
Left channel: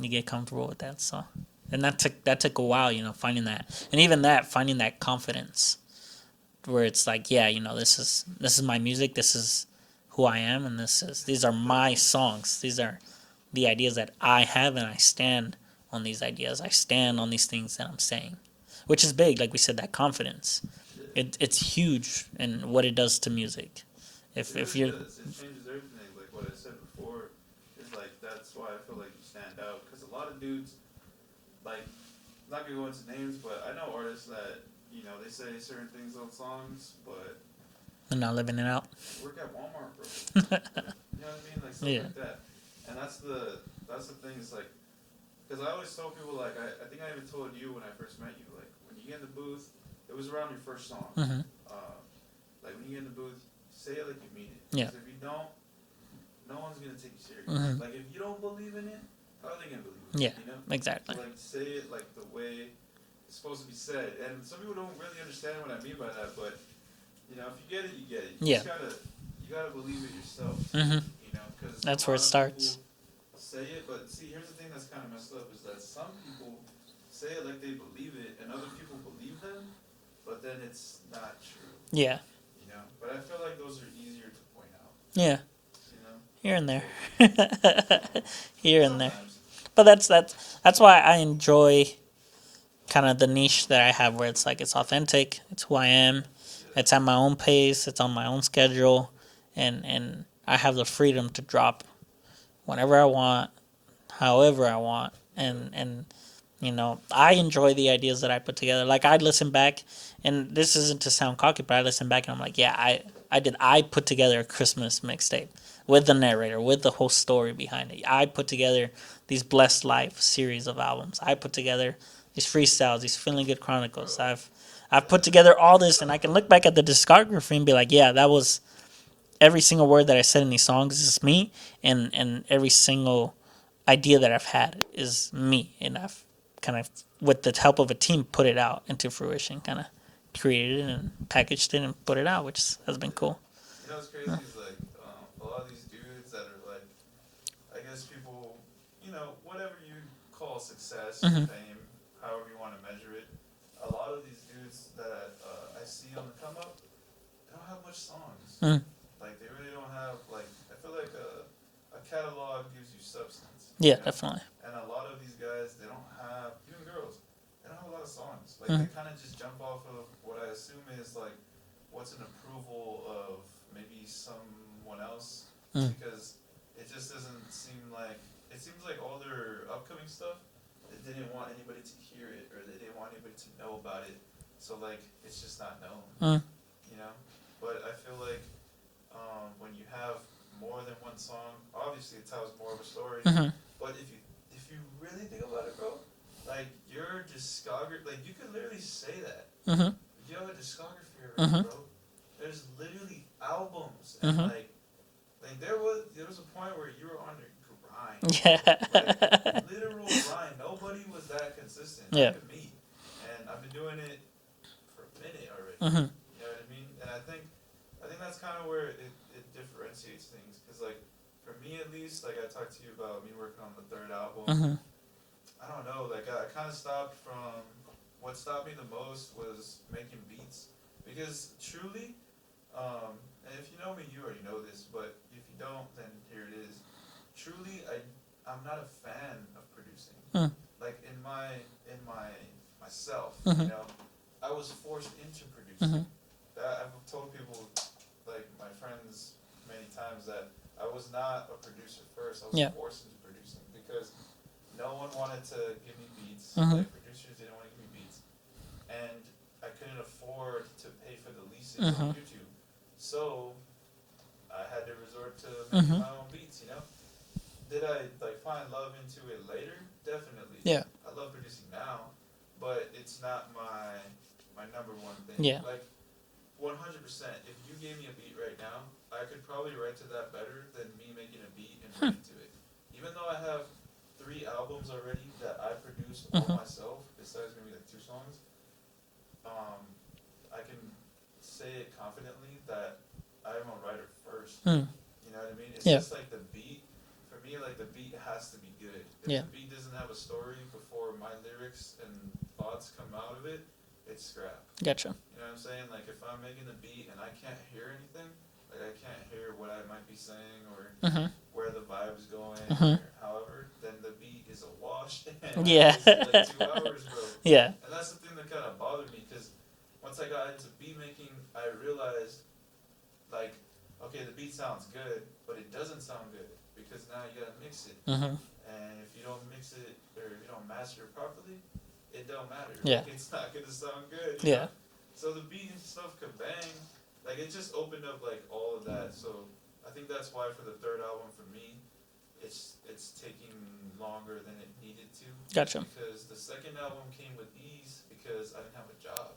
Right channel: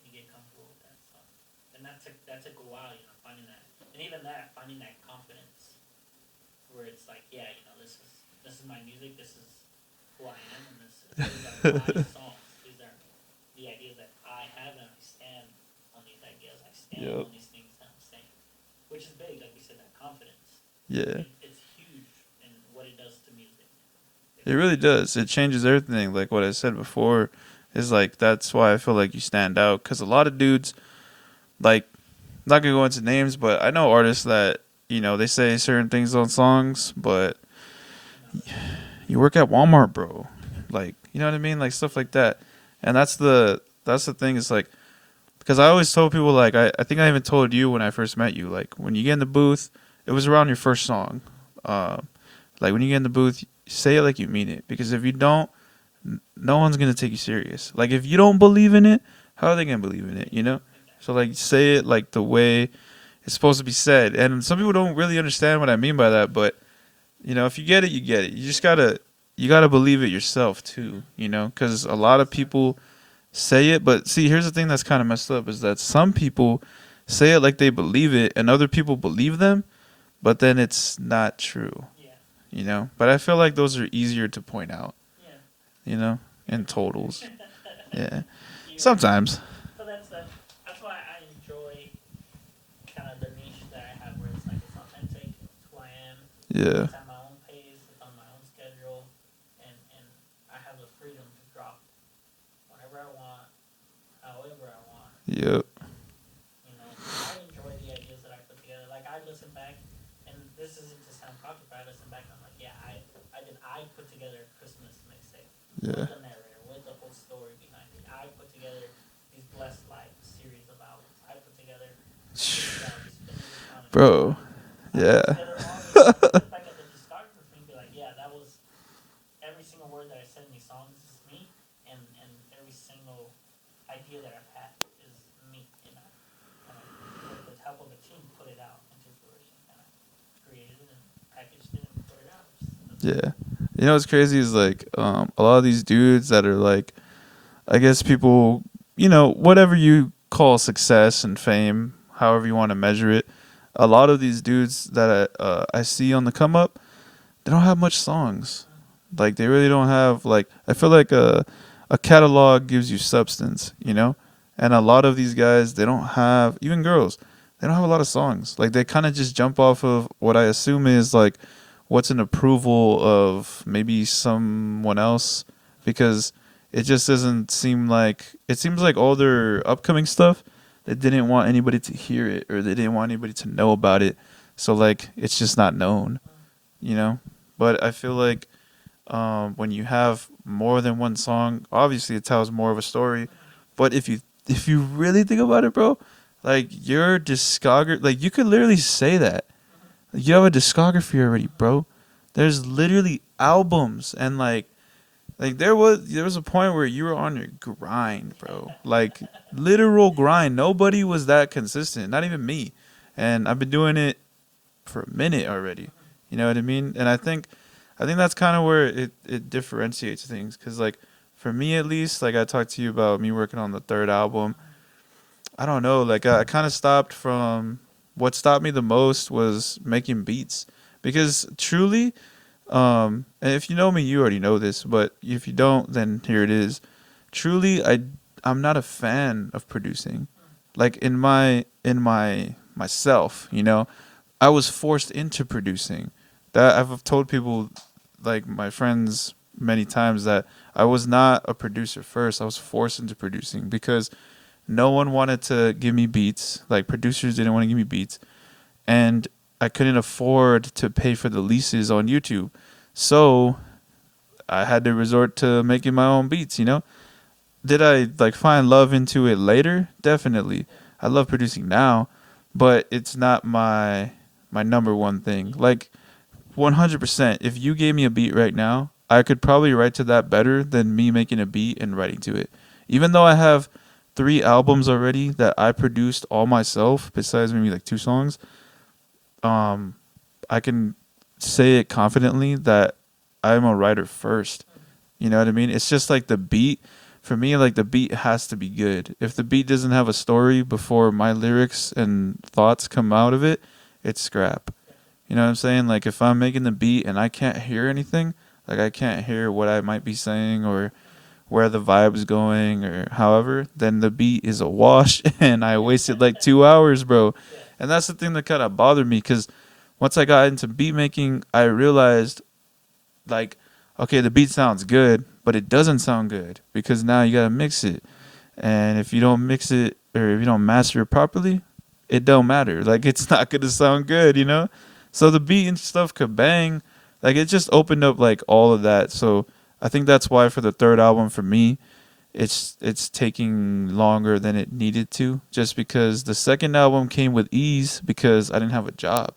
You get comfortable with that, so. And that took a while, you know, finding that. And even that, finding that confidence where it's like, yeah, you know, this is my music, this is who I am, and these are my songs. These are the ideas that I have, and I stand on these ideas. I stand on these things that I'm saying, which is big. Like we said, that confidence. Yeah. It's huge in what it does to music. It really you're- does. It changes everything. Like what I said before is like that's why I feel like you stand out. Because a lot of dudes, like, not going to go into names, but I know artists that, you know, they say certain things on songs, but They're not living it out. you work at Walmart, bro. Like, you know what I mean? Like stuff Yeah. like that. And that's the thing is like, because I always told people, like, I think I even told you when I first met you, like, when you get in the booth, it was around your first song. Like, when you get in the booth, say it like you mean it. Because if you don't, no one's going to take you serious. Like, if you don't believe in it, how are they going to believe in it, you know? Exactly. So, like, say it like the way it's supposed to be said. And some people don't really understand what I mean by that, but, you know, if you get it, you get it. You just you gotta believe it yourself, too, you know? Because a lot of people say it, but see, here's the thing that's kind of messed up is that some people say it like they believe it, and other people believe them, but then it's not true. Yeah. You know? But I feel like those are easier to point out. Yeah. You know? Here in and there. totals. Yeah. Here Sometimes. But that's why I enjoy kind of the niche that I have, where it's like it's authentic, it's who I am, it's at my own pace, it's on my own schedule, and I have the freedom to drop whenever I want, however I want, and you know, I enjoy the ideas that I put together. Like, I listen back, and this isn't to sound cocky, but I listen back and I'm like, yeah, I put together a Christmas mixtape with the narrator, with the whole story behind it. I put together these Blessed Life series of albums. I put together these freestyles, these Feeling Good Chronicles. Bro. I've put together all this, and I can look back at the discography and be like, yeah, that was every single word that I said in these songs is me, and every single idea that I've had is me, and I've kind of, with the help of a team, put it out into fruition, kind of created it and packaged it and put it out, which has been cool. You know what's crazy is, like, a lot of these dudes that are, like, I guess people, you know, whatever you call success and fame, however you want to measure it, a lot of these dudes that I see on the come up, they don't have much songs. Like, they really don't have, like, I feel like a catalog gives you substance, you know? Definitely. And a lot of these guys, they don't have, even girls, they don't have a lot of songs. Like, they kind of just jump off of what I assume is, like, what's an approval of maybe someone else, because it just doesn't seem like, it seems like all their upcoming stuff, they didn't want anybody to hear it, or they didn't want anybody to know about it. So, like, it's just not known, you know? But I feel like when you have more than one song, obviously it tells more of a story. But if you really think about it, bro, like, your discography, like, you could literally say that. You have a discography already, bro. There's literally albums, and like there was a point where you were on your grind, bro. Like, literal grind. Nobody was that consistent, not even me. And I've been doing it for a minute already. You know what I mean? And I think that's kind of where it differentiates things, because, like, for me at least, like, I talked to you about me working on the third album. I don't know, like, I kind of stopped from, what stopped me the most was making beats, because truly, and if you know me, you already know this, but if you don't, then here it is. Truly, I'm not a fan of producing. Like, in myself, you know, I was forced into producing. That I've told people, like, my friends, many times, that I was not a producer first. I was forced into producing because no one wanted to give me beats. Like, producers didn't want to give me beats, and I couldn't afford to pay for the leases on YouTube. So I had to resort to making my own beats, you know? Did I, like, find love into it later? Definitely. Yeah. I love producing now, but it's not my number one thing. Yeah. Like, 100%, if you gave me a beat right now, I could probably write to that better than me making a beat and writing to it. Even though I have 3 albums already that I produced all myself, besides maybe like 2 songs, I can say it confidently that I'm a writer first. You know what I mean? It's just like the beat. For me, like, the beat has to be good. If the beat doesn't have a story before my lyrics and thoughts come out of it, it's scrap. Gotcha. You know what I'm saying? Like, if I'm making the beat and I can't hear anything, like, I can't hear what I might be saying or where the vibe's going or however, then the beat is a wash, and I wasted like 2 hours, bro. Yeah. And that's the thing that kind of bothered me, because once I got into beat making, I realized, like, okay, the beat sounds good, but it doesn't sound good because now you got to mix it. And if you don't mix it, or if you don't master it properly, it don't matter. Like, it's not going to sound good, you know? So the beat and stuff could bang. Like, it just opened up, like, all of that. So I think that's why for the third album for me, it's taking longer than it needed to, just Gotcha. because the second album came with ease because I didn't have a job.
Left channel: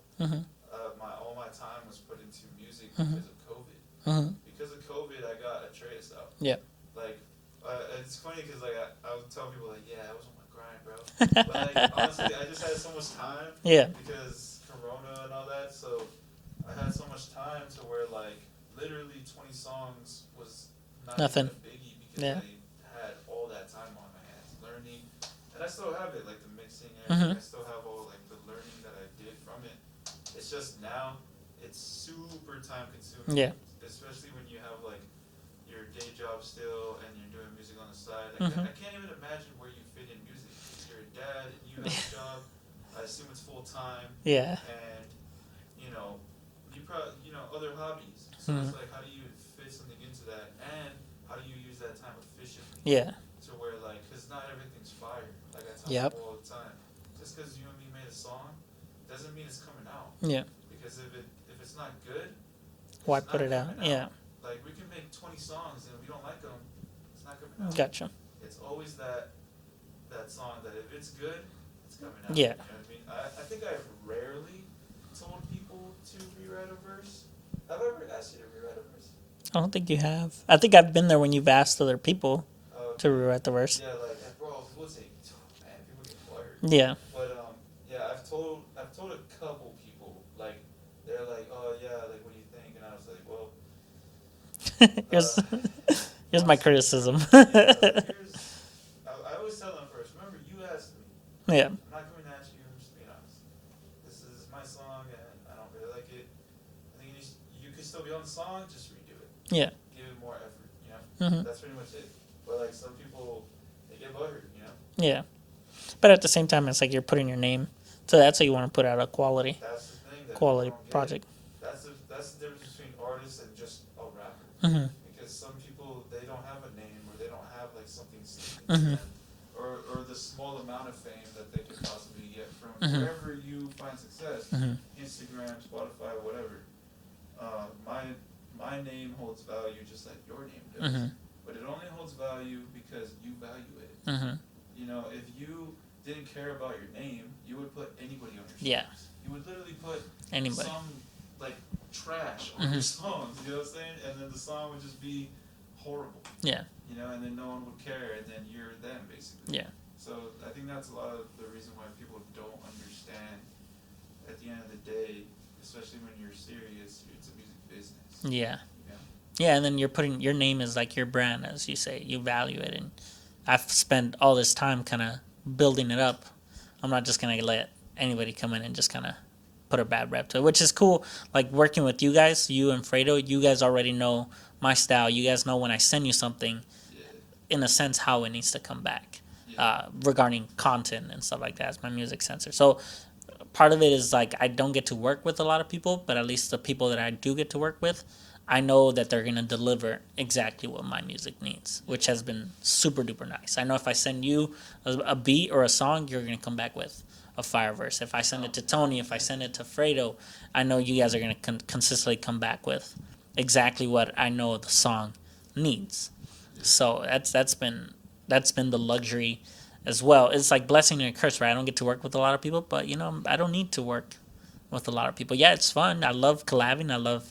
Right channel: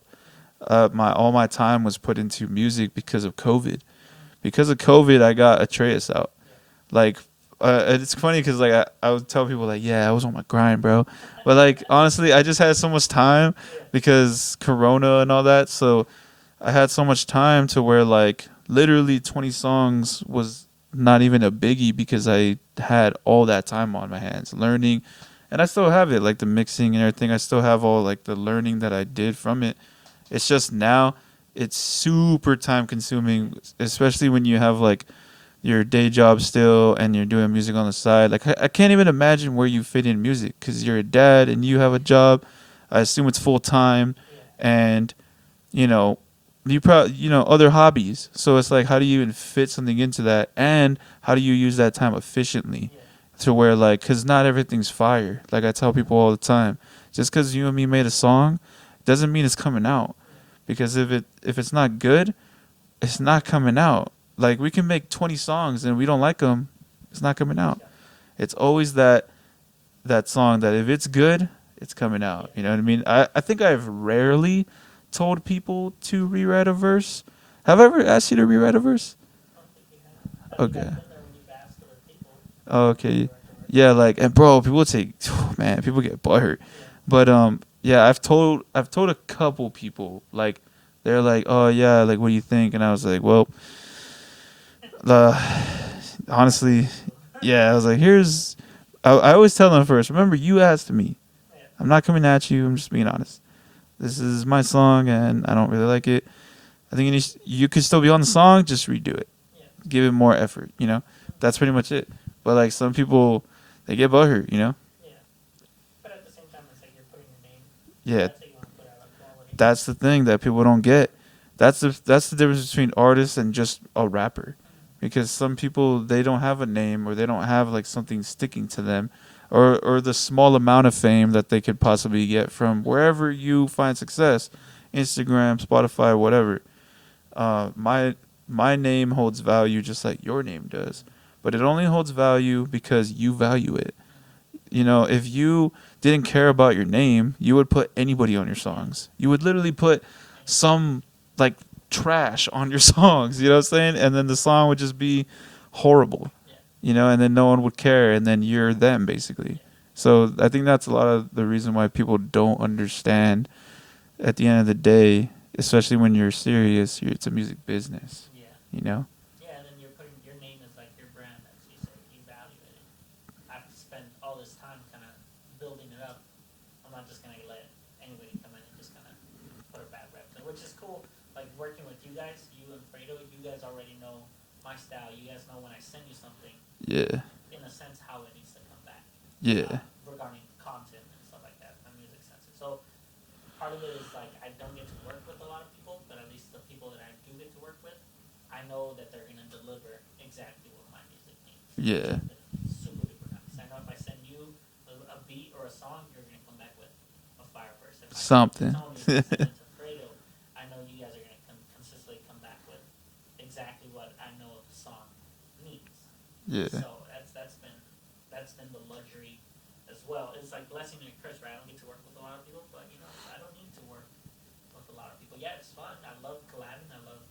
My all my time was put into music because of COVID. Because of COVID, I got Atreus out. Yeah. Like, it's funny because like I would tell people like, yeah, I was on my grind, bro. But like honestly, I just had so much time Yeah. because Corona and all that. So I had so much time to where like literally 20 songs was not even a Nothing. biggie because Yeah. I had all that time on my hands learning, and I still have it, like the mixing and everything. I still have all like the learning that I did from it. It's just now it's super time consuming, Yeah. especially when you have like your day job still and you're doing music on the side. Like I can't even imagine where you fit in music because you're a dad and you have a job. I assume it's full time. Yeah. And you know, you probably other hobbies. So it's like, how do you even fit something into that, and how do you use that time efficiently? Yeah. To where like, because not everything's fire. Like I tell Yep. people all the time, just because you and me made a song, doesn't mean it's coming out. Yeah. Because if it's not good, it's Why not put it coming out? out. Like we can make 20 songs and we don't like them, it's not coming out. Gotcha. It's always that song that if it's good, it's coming out. Yeah. You know what I mean? I think I've rarely told people to rewrite a verse. Have I ever asked you to rewrite a verse? I don't think you have. I think Okay. I've been there when you've asked other people Oh, to okay. rewrite the verse. Yeah, like, and bro, people take, man, people get butthurt. Yeah. But yeah, I've told a couple people, like, they're like, oh yeah, like, what do you think? And I was like, well, Here's my honestly, criticism. yeah, I was like, I always tell them first, remember, you asked me. Yeah. I'm not coming at you. I'm just being honest. This is my song, and I don't really like it. I think you could still be on the song, just redo it. Yeah. Give it more effort, you know? That's pretty much it. But, like, some people, they get butthurt, you know? Yeah. But at the same time, it's like you're putting your name. So Yeah. that's how you want to put out a quality. That's the thing that people quality don't get. project. That's the difference between artists and just a rapper. Because some people, they don't have a name, or they don't have, like, something sticking to them. Or the small amount of fame that they could possibly get from wherever you find success, Instagram, Spotify, whatever. My name holds value just like your name does, but it only holds value because you value it. You know, if you didn't care about your name, you would put anybody on your songs. You would literally put Anybody. some like trash on your songs. You know what I'm saying? And then the song would just be horrible. Yeah. You know, and then no one would care, and then you're them, basically. Yeah. So I think that's a lot of the reason why people don't understand at the end of the day, especially when you're serious, it's a music business. Yeah. You know? Yeah, and then you're putting your name is like your brand, as you say. You value it, and I've spent all this time kind of building it up. I'm not just gonna let anybody come in and just kind of put a bad rep to it, which is cool. Like working with you guys, you and Fredo, you guys already know my style. You guys know when I send you something, Yeah. in a sense, how it needs to come back. Yeah. Regarding content and stuff like that, as my music censor. So part of it is like I don't get to work with a lot of people, but at least the people that I do get to work with, I know that they're gonna deliver exactly what my music needs, which Yeah. has been super duper nice. I know if I send you a beat or a song, you're gonna come back with a fire verse. If I send it to Tony, if I send it to Fredo, I know you guys are gonna consistently come back with exactly what I know the song needs. Yeah. So that's been the luxury as well. It's like blessing and a curse, right? I don't get to work with a lot of people, but you know, I don't need to work with a lot of people. Yeah, it's fun. I love collabing. I love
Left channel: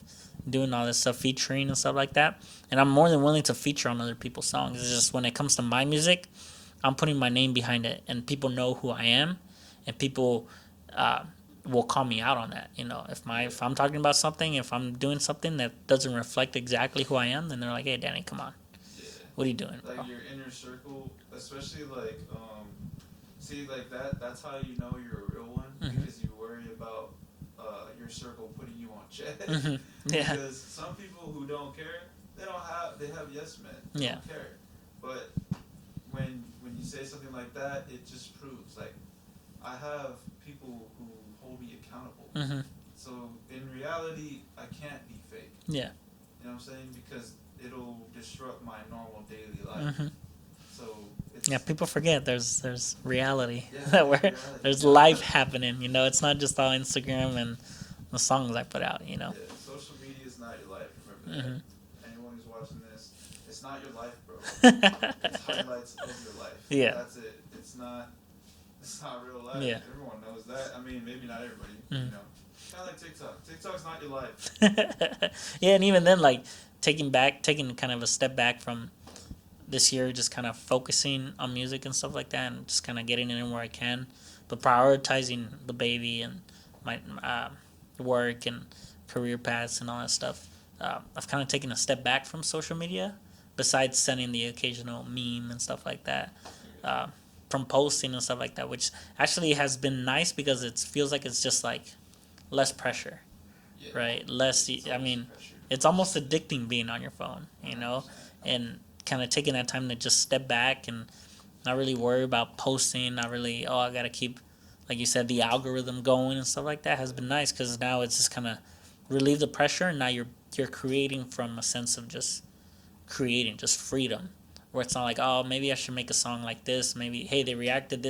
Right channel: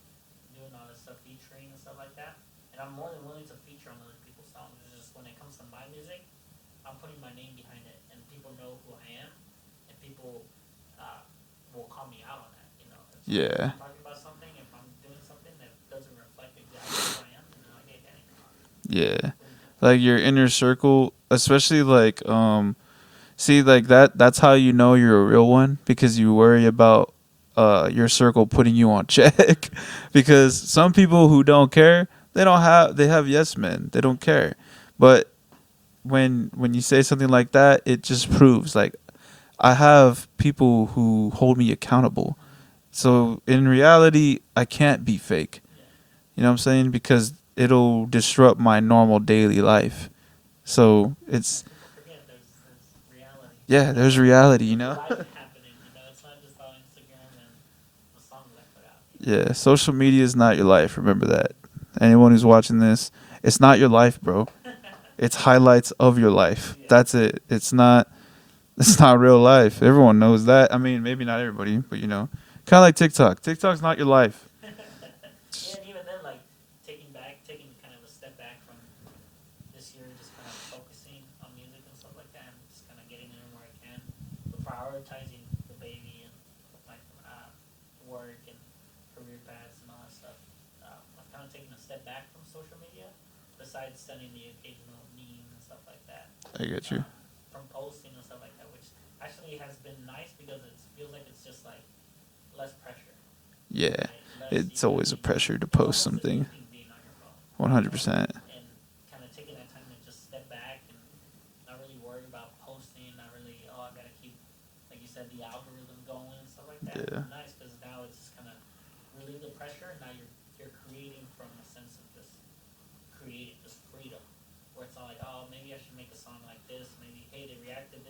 doing all this stuff, featuring and stuff like that. And I'm more than willing to feature on other people's songs. It's just when it comes to my music, I'm putting my name behind it, and people know who I am, and people will call me out on that. You know, if I'm talking about something, if I'm doing something that doesn't reflect exactly who I am, then they're like, "Hey, Danny, come on. Yeah. What are you doing?" Like your inner circle, especially like see, like that's how you know you're a real one, because you worry about your circle putting you on check. Yeah. Because some people who don't care, they have yes men. They don't care. But when you say something like that, it just proves like I have people who hold me accountable. So in reality, I can't be fake. Yeah. You know what I'm saying? Because it'll disrupt my normal daily life. So it's people forget there's reality. Yeah, there's reality. There's you know? life happening. You know, it's not just all Instagram and the songs I put out. You know. Yeah, social media is not your life. Remember that. anyone who's watching this, it's not your life, bro. It's highlights of your life. Yeah. That's it. It's not real life. Yeah. Everyone knows that. I mean, maybe not everybody, but you know, kind of like TikTok. TikTok's not your life. Yeah, and even then, like taking kind of a step back from this year, just kind of focusing on music and stuff like that, and just kind of getting it in where I can, but prioritizing the baby and my work and career paths and all that stuff. I've kind of taken a step back from social media, besides sending the occasional meme and stuff like that. I get you. From posting and stuff like that, which actually has been nice because it feels like it's just like less pressure. Yeah. Right. Less. It's always a pressure to post It's almost something. addicting being on your phone. 100%. And kind of taking that time to just step back and not really worry about posting. Not really. Oh, I gotta keep, like you said, the algorithm going and stuff like that has been nice because now it's just kind of relieve the pressure, and now you're creating from a sense of just creating, just freedom, where it's not like, oh, maybe I should make a song like this. Maybe, hey, they reacted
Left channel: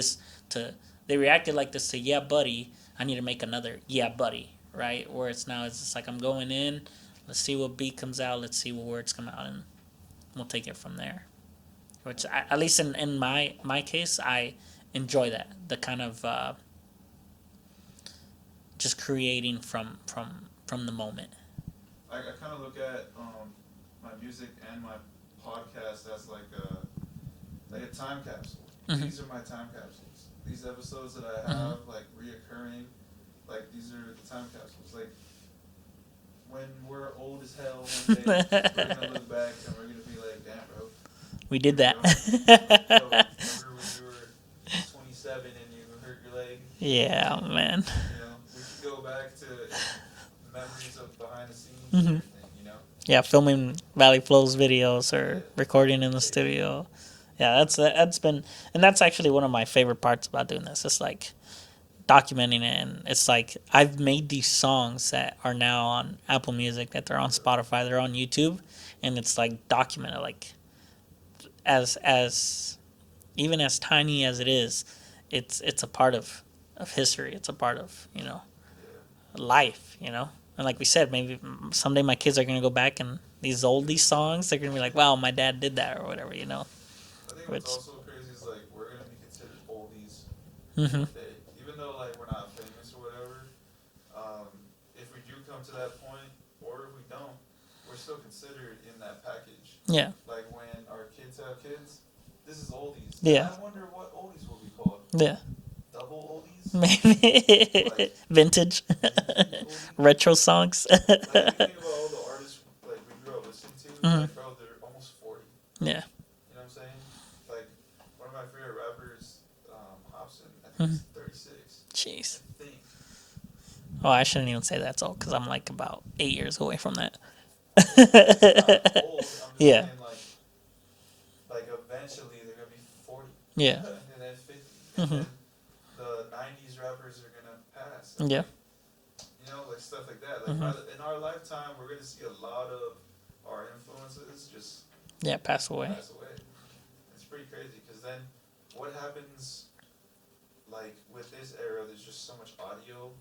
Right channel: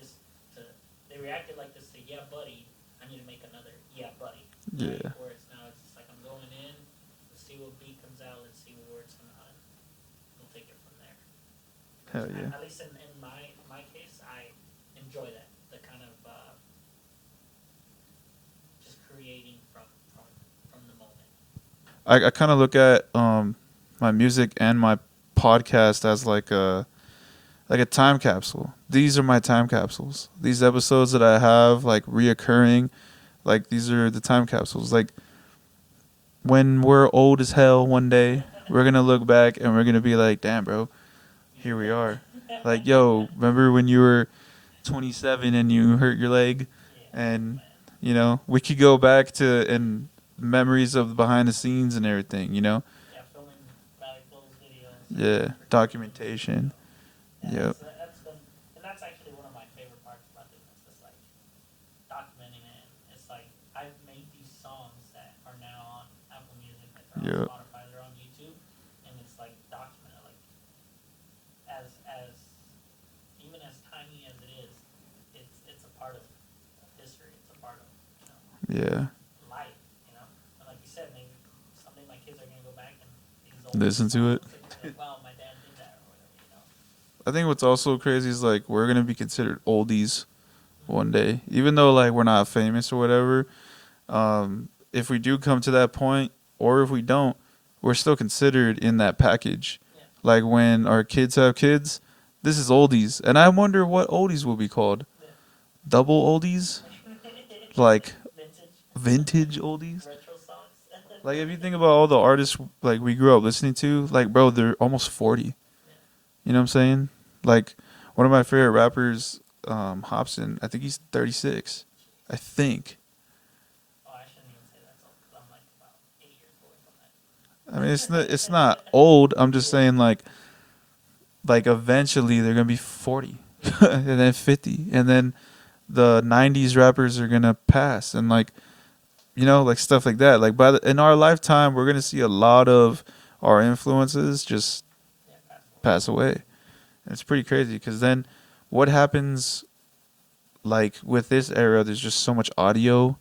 like this to Yeah Buddy, I need to make another Yeah Buddy, right? Where it's just like I'm going in, let's see what beat comes out, let's see what words come out, and we'll take it from there. Which at least in my case, I enjoy that, the kind of just creating from the moment. I kind of look at my music and my podcast as like a time capsule. These are my time capsules. These episodes that I have like reoccurring, like these are the time capsules. Like when we're old as hell one day, we're gonna look back and we're gonna be like, damn, bro, we did here that. We are. Like, yo, remember when you were 27 and you hurt your leg? Yeah, and, man. You know, we could go back to and memories of behind the scenes and everything, you know? Yeah, filming Valley Flows videos or recording in the documentation. studio. Yeah, that's been, and that's actually one of my favorite parts about doing this. It's like documenting it, and it's like I've made these songs that are now on Apple Music, that they're on Spotify, they're on YouTube, and it's like documented, like as even as tiny as it is, it's a part of history. It's a part of, you know, life, you know. And like we said, maybe someday my kids are gonna go back and these oldies songs, they're gonna be like, wow, my dad did that or whatever, you know. I think what's also crazy is like we're gonna be considered oldies one day, even though like we're not famous or whatever. If we do come to that point, or if we don't, we're still considered in that package. Yeah. Like when our kids have kids, this is oldies, and I wonder what oldies will be called. Yeah. Double oldies, maybe. Like vintage oldies, retro songs. Like if you think about all the artists like we grew up listening to, like bro, they're almost 40. Yeah, you know what I'm saying? Like one of my favorite rappers, Hobson. I think he's 36. Jeez, I think. Oh, I shouldn't even say that's old because I'm like about 8 years away from that. I mean, it's not old. I'm just saying like eventually they're gonna be 40. Yeah, and then 50, and then the 90s rappers are gonna pass, and like, you know, like stuff like that. Like in our lifetime, we're gonna see a lot of our influences just pass away. It's pretty crazy because then what happens? Like with this era, there's just so much audio.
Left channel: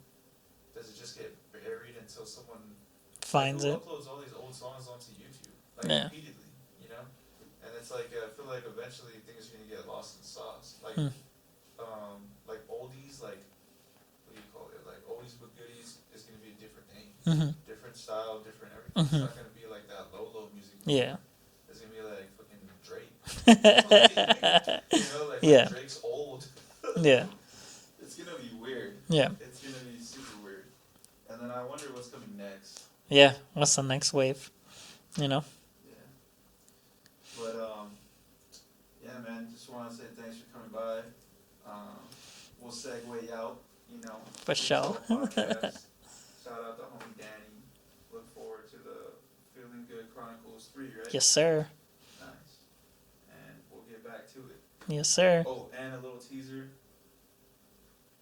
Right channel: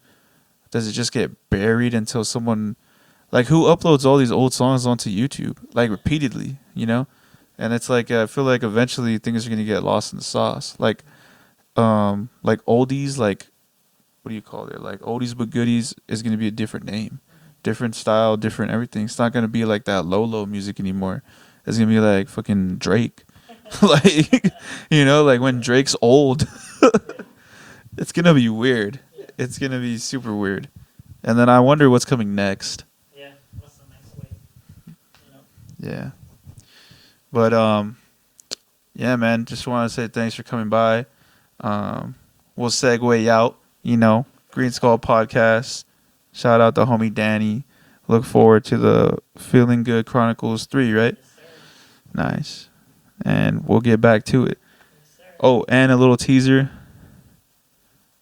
Does it just get buried until someone like who uploads all these old songs onto YouTube like repeatedly? You know, and it's like I feel like eventually things are gonna get lost in the sauce. Like. Like oldies, like what do you call it? Like oldies but goodies is gonna be a different name, different style, different everything. It's not gonna be like that low music anymore. It's gonna be like fucking Drake, like you know, like when Drake's old. It's gonna be weird. Yeah, it's gonna be super weird. And then I wonder what's coming next. Yeah, what's the next wave? You know. Yeah. But yeah, man. Just want to say thanks for coming by. We'll segue out, you know, GreenSkull podcast. Shout out to homie Danny. Look forward to the Feeling Good Chronicles 3, right? Yes, sir. Nice. And we'll get back to it. Yes, sir. Oh, and a little teaser.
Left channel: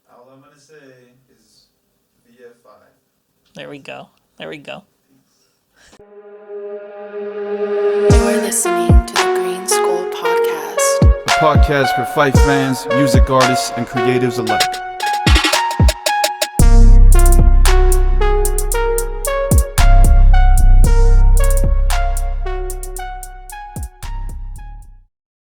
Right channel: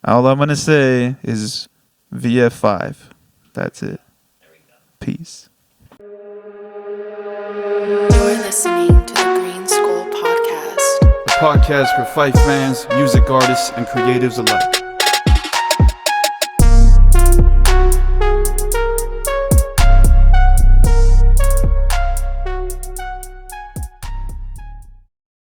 All I'm going to say is VF5. That's it. There we go. Peace. You're listening to the GreenSkull podcast. A podcast for Fife fans, music artists, and creatives alike.